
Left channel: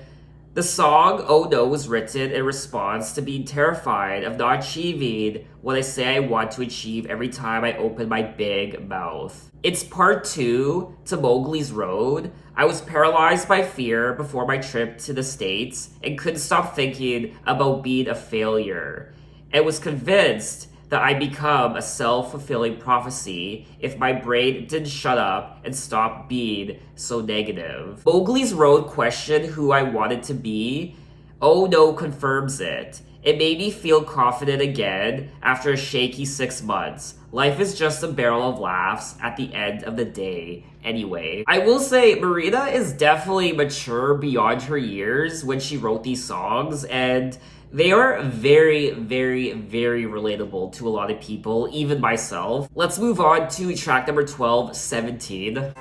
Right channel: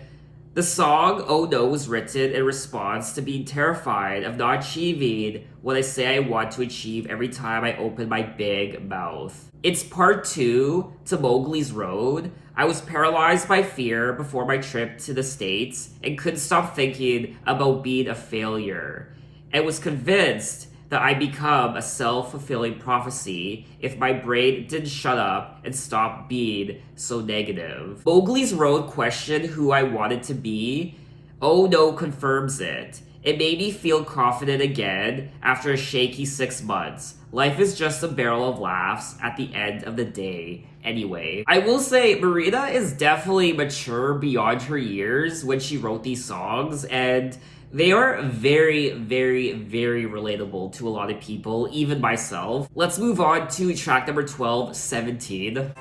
the song Oh No was written in response to being terrified of not achieving what I say I want to achieve every time I open my big mouth. It's part 2 to Mowgli's Road. I was paralyzed by fear before my trip to the States and couldn't stop thinking about being a failure. And was convinced that I'd become a self-fulfilling prophecy if my brain didn't shut up and stop being so negative. Mowgli's Road questioned who I wanted to be. Oh No confirms it. It made me feel confident again after a shaky 6 months. Life is just a barrel of laughs at the end of the day. Anyway, I will say Marina is definitely mature beyond her years when she wrote these songs, and they are very, very, very relatable to a lot of people, even myself. Let's move on to track number 12, 17. The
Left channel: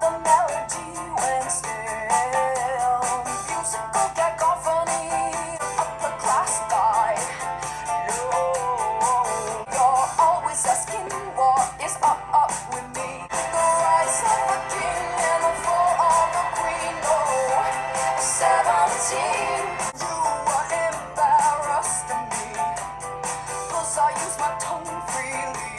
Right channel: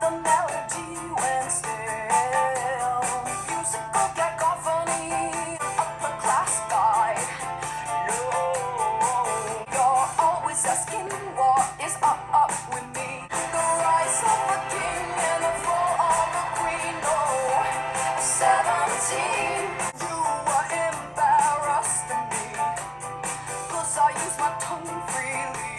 melody went stale. Musical cacophony. Upper class guy. No, you're always asking what is up with me. The rise of a king and the fall of a queen. No, 17. You were embarrassed of me. 'Cause I use my tongue freely.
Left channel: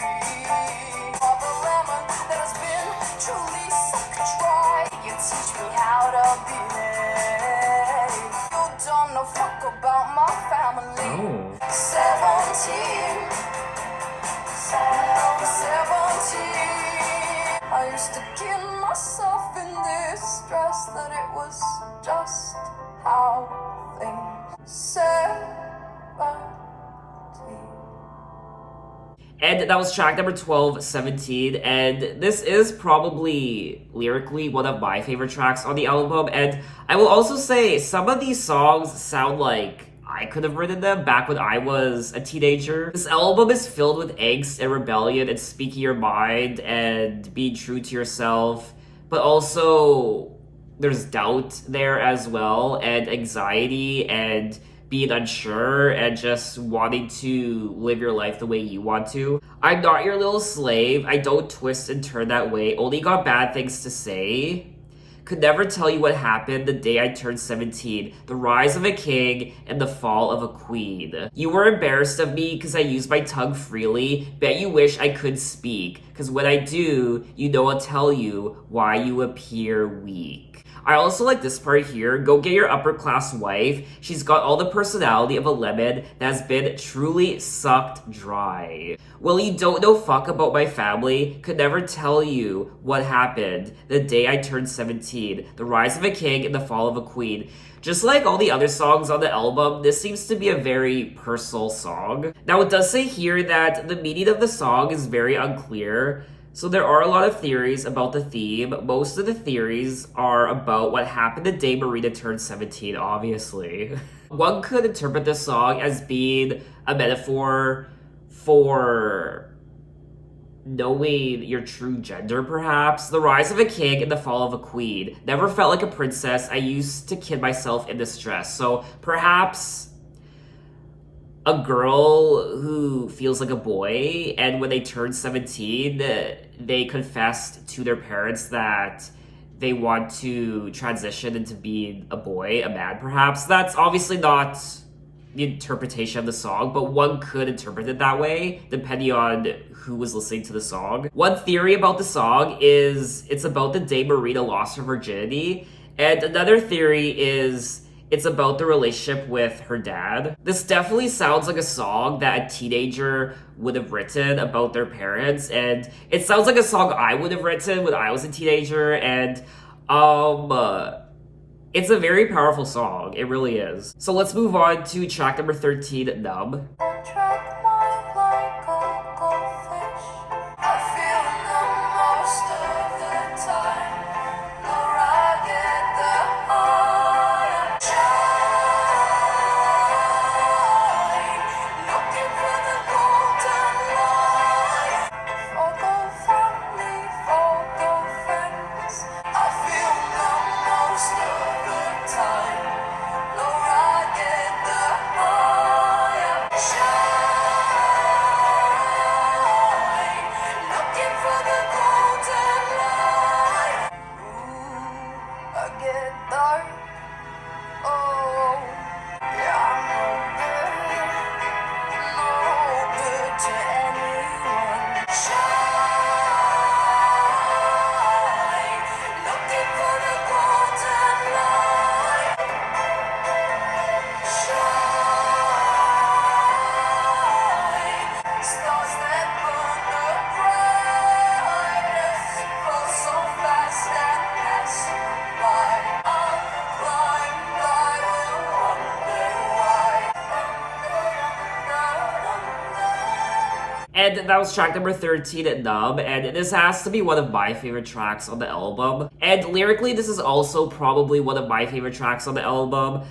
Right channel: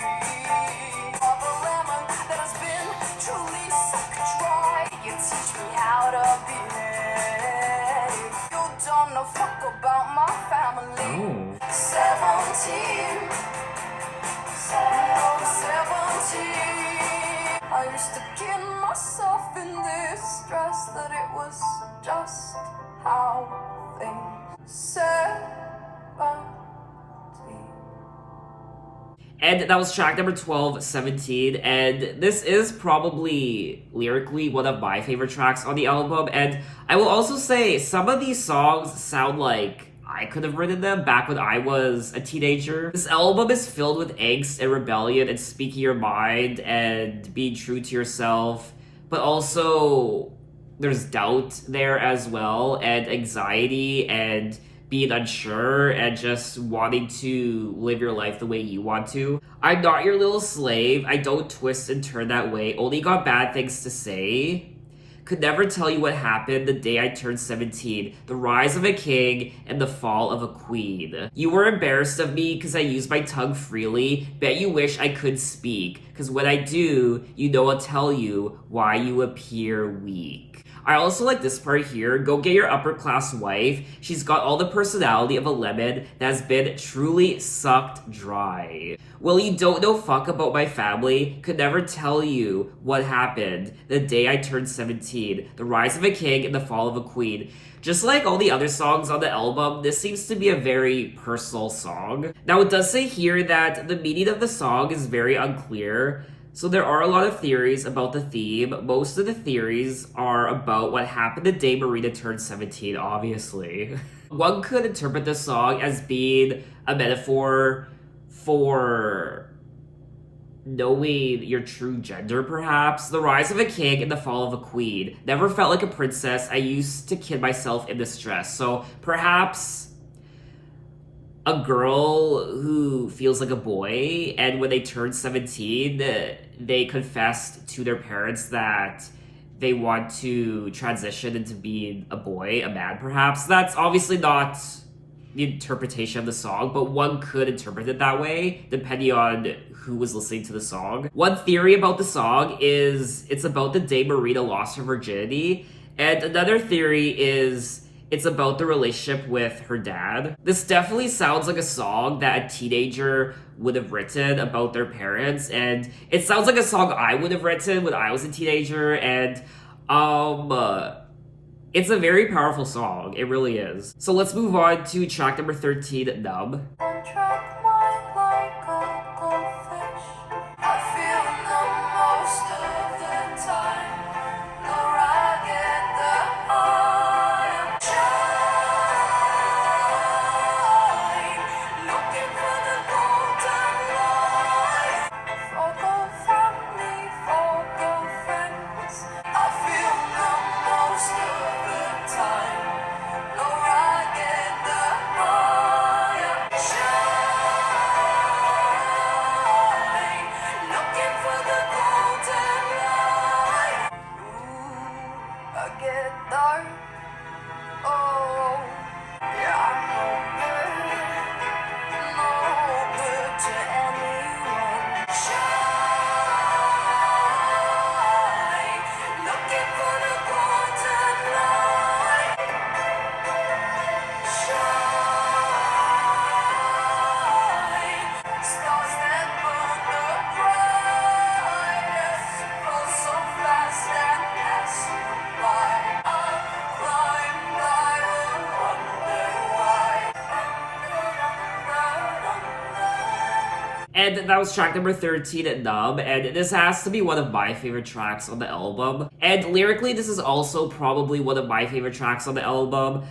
Of a lemon that has been truly sucked dry. You teach me how to behave. You don't know fuck about my family. 17. No, 17. I used to kill myself in distress that it was just how things 17. And that was track number 12, 17. And this is probably lyrically one of my favorite tracks on the album. And I will also say some of these songs sound like I could have written them back when I was a teenager. This album is filled with angst and rebellion and speaking your mind and being true to yourself, but also there's doubt there as well, and anxiety and being unsure and just wanting to live your life the way you want to. I'm not your little slave. I don't twist and turn that way. Only got bad things to say. Could never tell you what happened the day I turned 17. The rise of a king and the fall of a queen. You were embarrassed of me because I use my tongue freely. Bet you wish I could speak. Because when I do, you know I'll tell you why you appear weak. I also like this part here. Go get your upper class wife. She's got all the personality of a lemon that has been truly sucked dry. Well, you don't know fuck about my family. Could never tell you what happened the day I turned 17. The rise of a king and the fall of a queen. Just like all the other songs on the album, this seems to be a very personal song. Now, it does say here that the meaning of the song is very unclear. So there are a lot of theories about the theme. Most of the theories are about what happened the day Marina turned 17, obviously. One could interpret this song as being a metaphor for knowing your true gender, perhaps. The rise of a king and the fall of a queen. Never felt like a princess. I used to kid myself in distress. So perhaps a girl who feels like a boy, and when they turn 17, they confessed to their parents that they want to transition into being a boy, a man perhaps. That's obviously not the interpretation of the song, but one could interpret it that way, depending on who was listening to the song. One theory about the song is it's about the day Marina lost her virginity, and another theory is it's about the relationship with her dad. This definitely sounds like a song that a teenager would have written about their parents, and it sounds like a song I would have written when I was a teenager, and it's a very powerful song. It really is. So let's move on to track number 13, Numb. Track mine like a goldfish. I feel numb most of the time. Nor I get the high. Shine, looking for the golden light. Forgo family, forgo friends. I feel numb most of the time. Nor I get the high. Shine, looking for the golden light. Ooh, I get dark. Oh, yeah, I'm no good to anyone. Shine, looking for the golden light. Shine, stars that burn the brightest, fall so fast and pass you by. I'll climb, I will wonder why. And that was track number 13, Numb, and this has to be one of my favorite tracks on the album. And lyrically, this is also probably one of my favorite tracks on the album.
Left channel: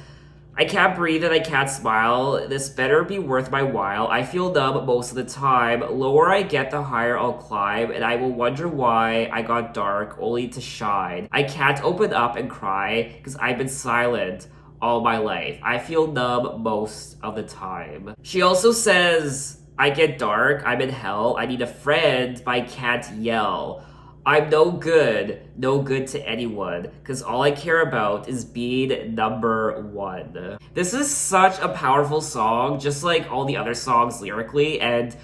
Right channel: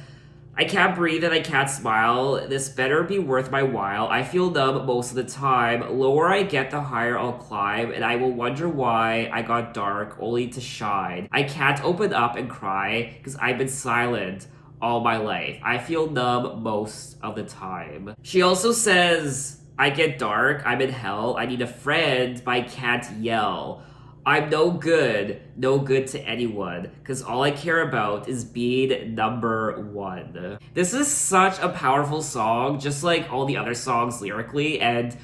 I can't breathe and I can't smile. This better be worth my while. I feel numb most of the time. Lower I get, the higher I'll climb, and I will wonder why I got dark only to shine. I can't open up and cry because I've been silent all my life. I feel numb most of the time. She also says, I get dark, I'm in hell, I need a friend, but I can't yell. I'm no good to anyone, because all I care about is being number one. This is such a powerful song, just like all the other songs lyrically, and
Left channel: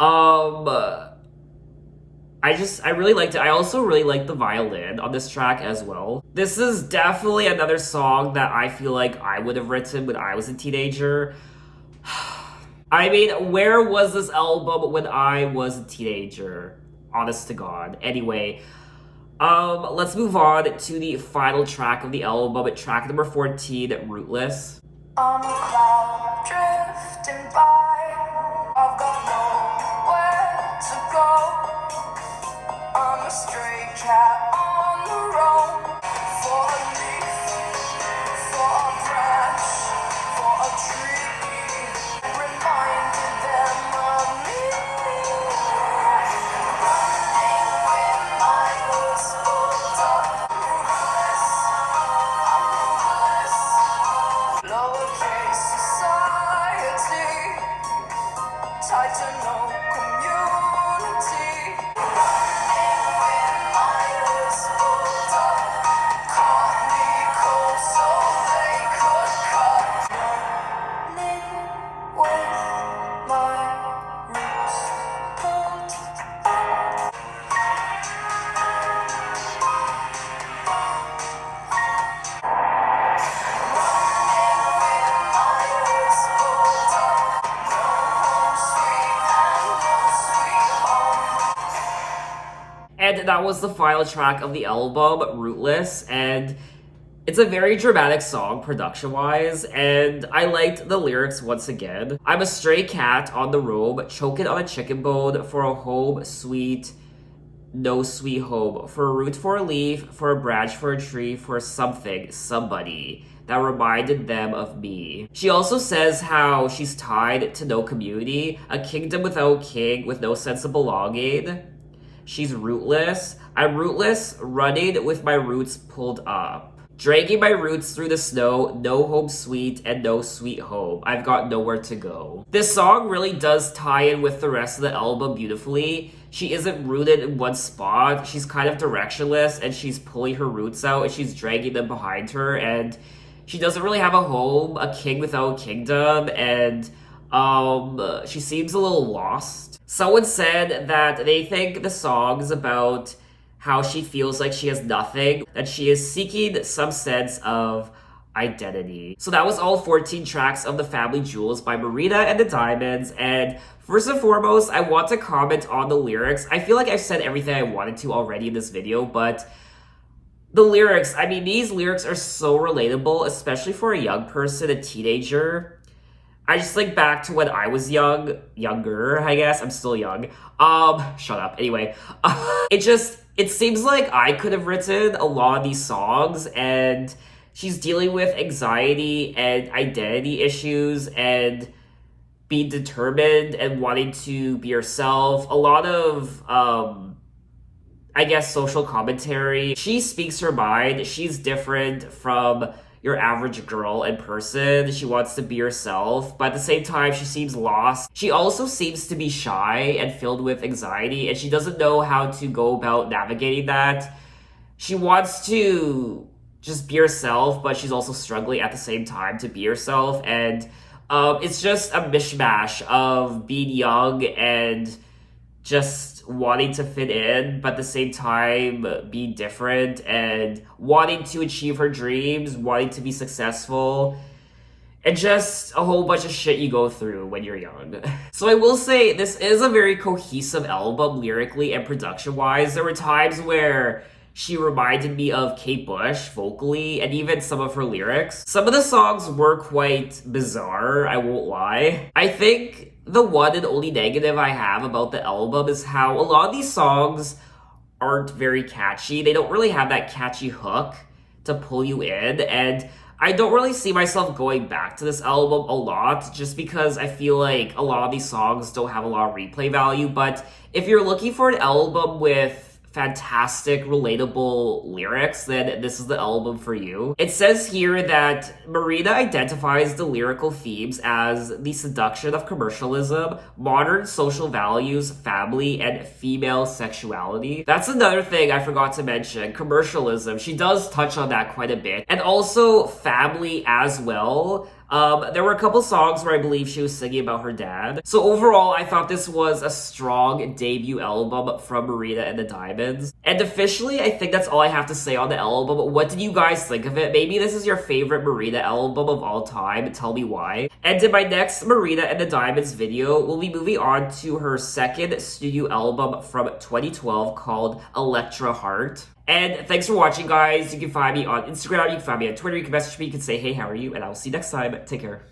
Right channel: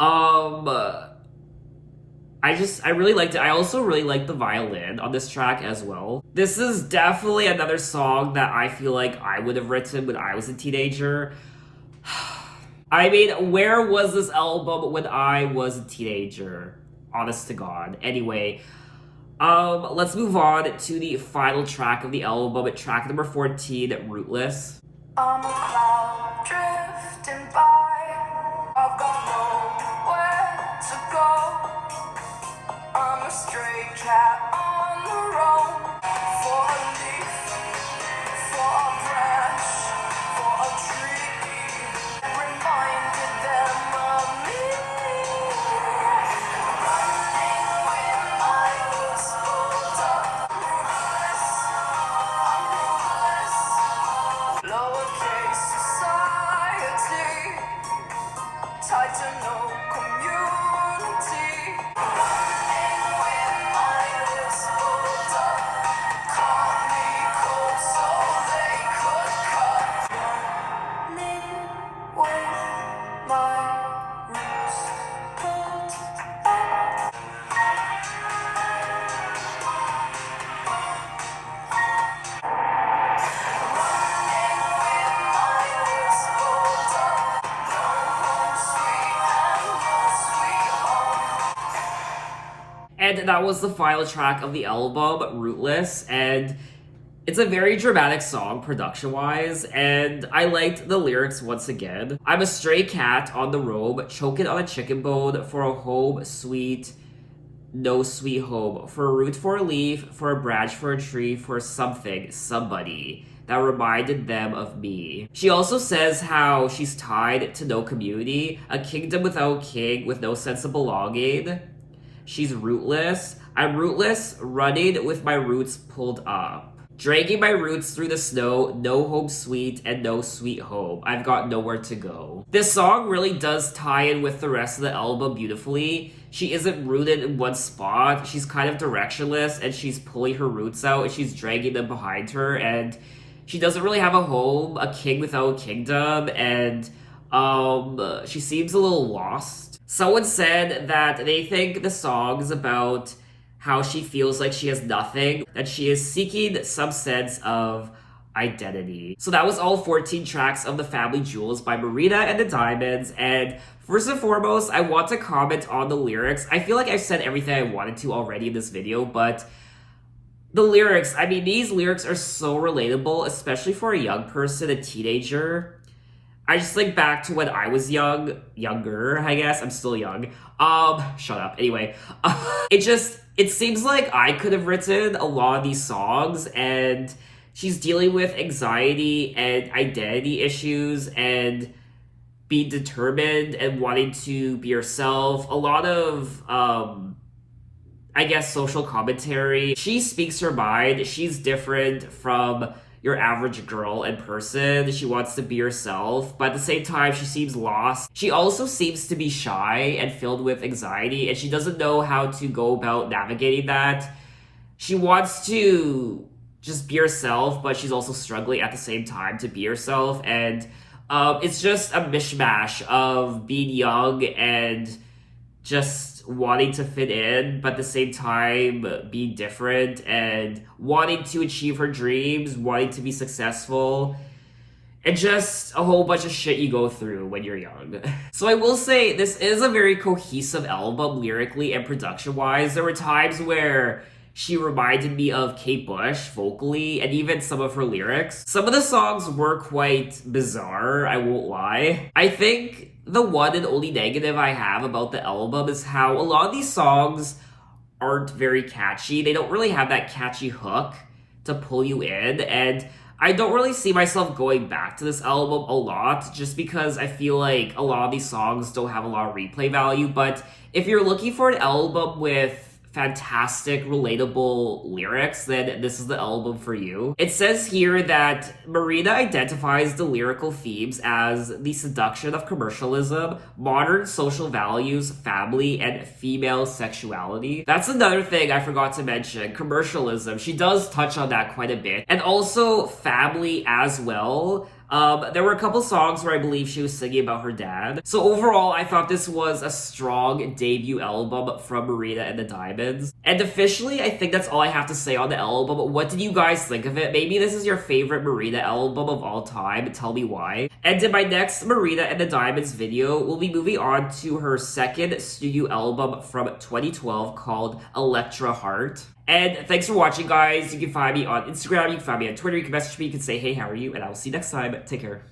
I really liked it. I also really like the violin on this track as well. This is definitely another song that I feel like I would have written when I was a teenager. I mean, where was this album when I was a teenager? Honest to God. Anyway, let's move on to the final track of the album, track number 14, Rootless. I'm a cloud drifting by. I've got nowhere to go. I'm a stray cat on the road. For a leaf, for a branch, for a tree. And that was the final track of the album, Rootless, and it's a very dramatic song production-wise, and I liked the lyrics once again. I'm a stray cat on the roam, choking on a chicken bone for a home sweet, no sweet home, for a root for a leaf, for a branch for a tree, for something, somebody that reminded them of me. She also says how she's tied to no community, a kingdom without king with no sense of belonging. She's rootless. I'm rootless, running with my roots pulled up. Dragging my roots through the snow, no home sweet and no sweet home. I've got nowhere to go. This song really does tie in with the rest of the album beautifully. She isn't rooted in one spot. She's kind of directionless and she's pulling her roots out and she's dragging them behind her, and she doesn't really have a home, a king without a kingdom, and she seems a little lost. Someone said that they think the song is about how she feels like she has nothing, that she is seeking some sense of identity. So that was all 14 tracks of The Family Jewels by Marina and the Diamonds, and first and foremost, I want to comment on the lyrics. I feel like I've said everything I wanted to already in this video, but the lyrics, I mean, these lyrics are so relatable, especially for a young person, a teenager. I just think back to when I was younger, I guess. I'm still young. Shut up. Anyway, it seems like I could have written a lot of these songs, and she's dealing with anxiety and identity issues and being determined and wanting to be herself. A lot of, I guess, social commentary. She speaks her mind. She's different from your average girl in person. She wants to be herself, but at the same time, she seems lost. She also seems to be shy and filled with anxiety, and she doesn't know how to go about navigating that. She wants to just be herself, but she's also struggling at the same time to be herself, and it's just a mishmash of being young and just wanting to fit in, but at the same time being different and wanting to achieve her dreams, wanting to be successful, and just a whole bunch of shit you go through when you're young. So I will say this is a very cohesive album lyrically and production-wise. There were times where she reminded me of Kate Bush vocally, and even some of her lyrics. Some of the songs were quite bizarre, I won't lie. I think the one and only negative I have about the album is how a lot of these songs aren't very catchy. They don't really have that catchy hook to pull you in, and I don't really see myself going back to this album a lot, just because I feel like a lot of these songs don't have a lot of replay value. But if you're looking for an album with fantastic, relatable lyrics, then this is the album for you. It says here that Marina identifies the lyrical themes as the seduction of commercialism, modern social values, family, and female sexuality. That's another thing I forgot to mention, commercialism. She does touch on that quite a bit. And also family as well. There were a couple songs where I believe she was singing about her dad. So overall, I thought this was a strong debut album from Marina and the Diamonds. And officially, I think that's all I have to say on the album. What did you guys think of it? Maybe this is your favorite Marina album of all time. Tell me why. And in my next Marina and the Diamonds video, we'll be moving on to her second studio album from 2012 called Electra Heart. And thanks for watching, guys. You can find me on Instagram, you can find me on Twitter, you can message me, you can say, hey, how are you? And I will see you next time. Take care.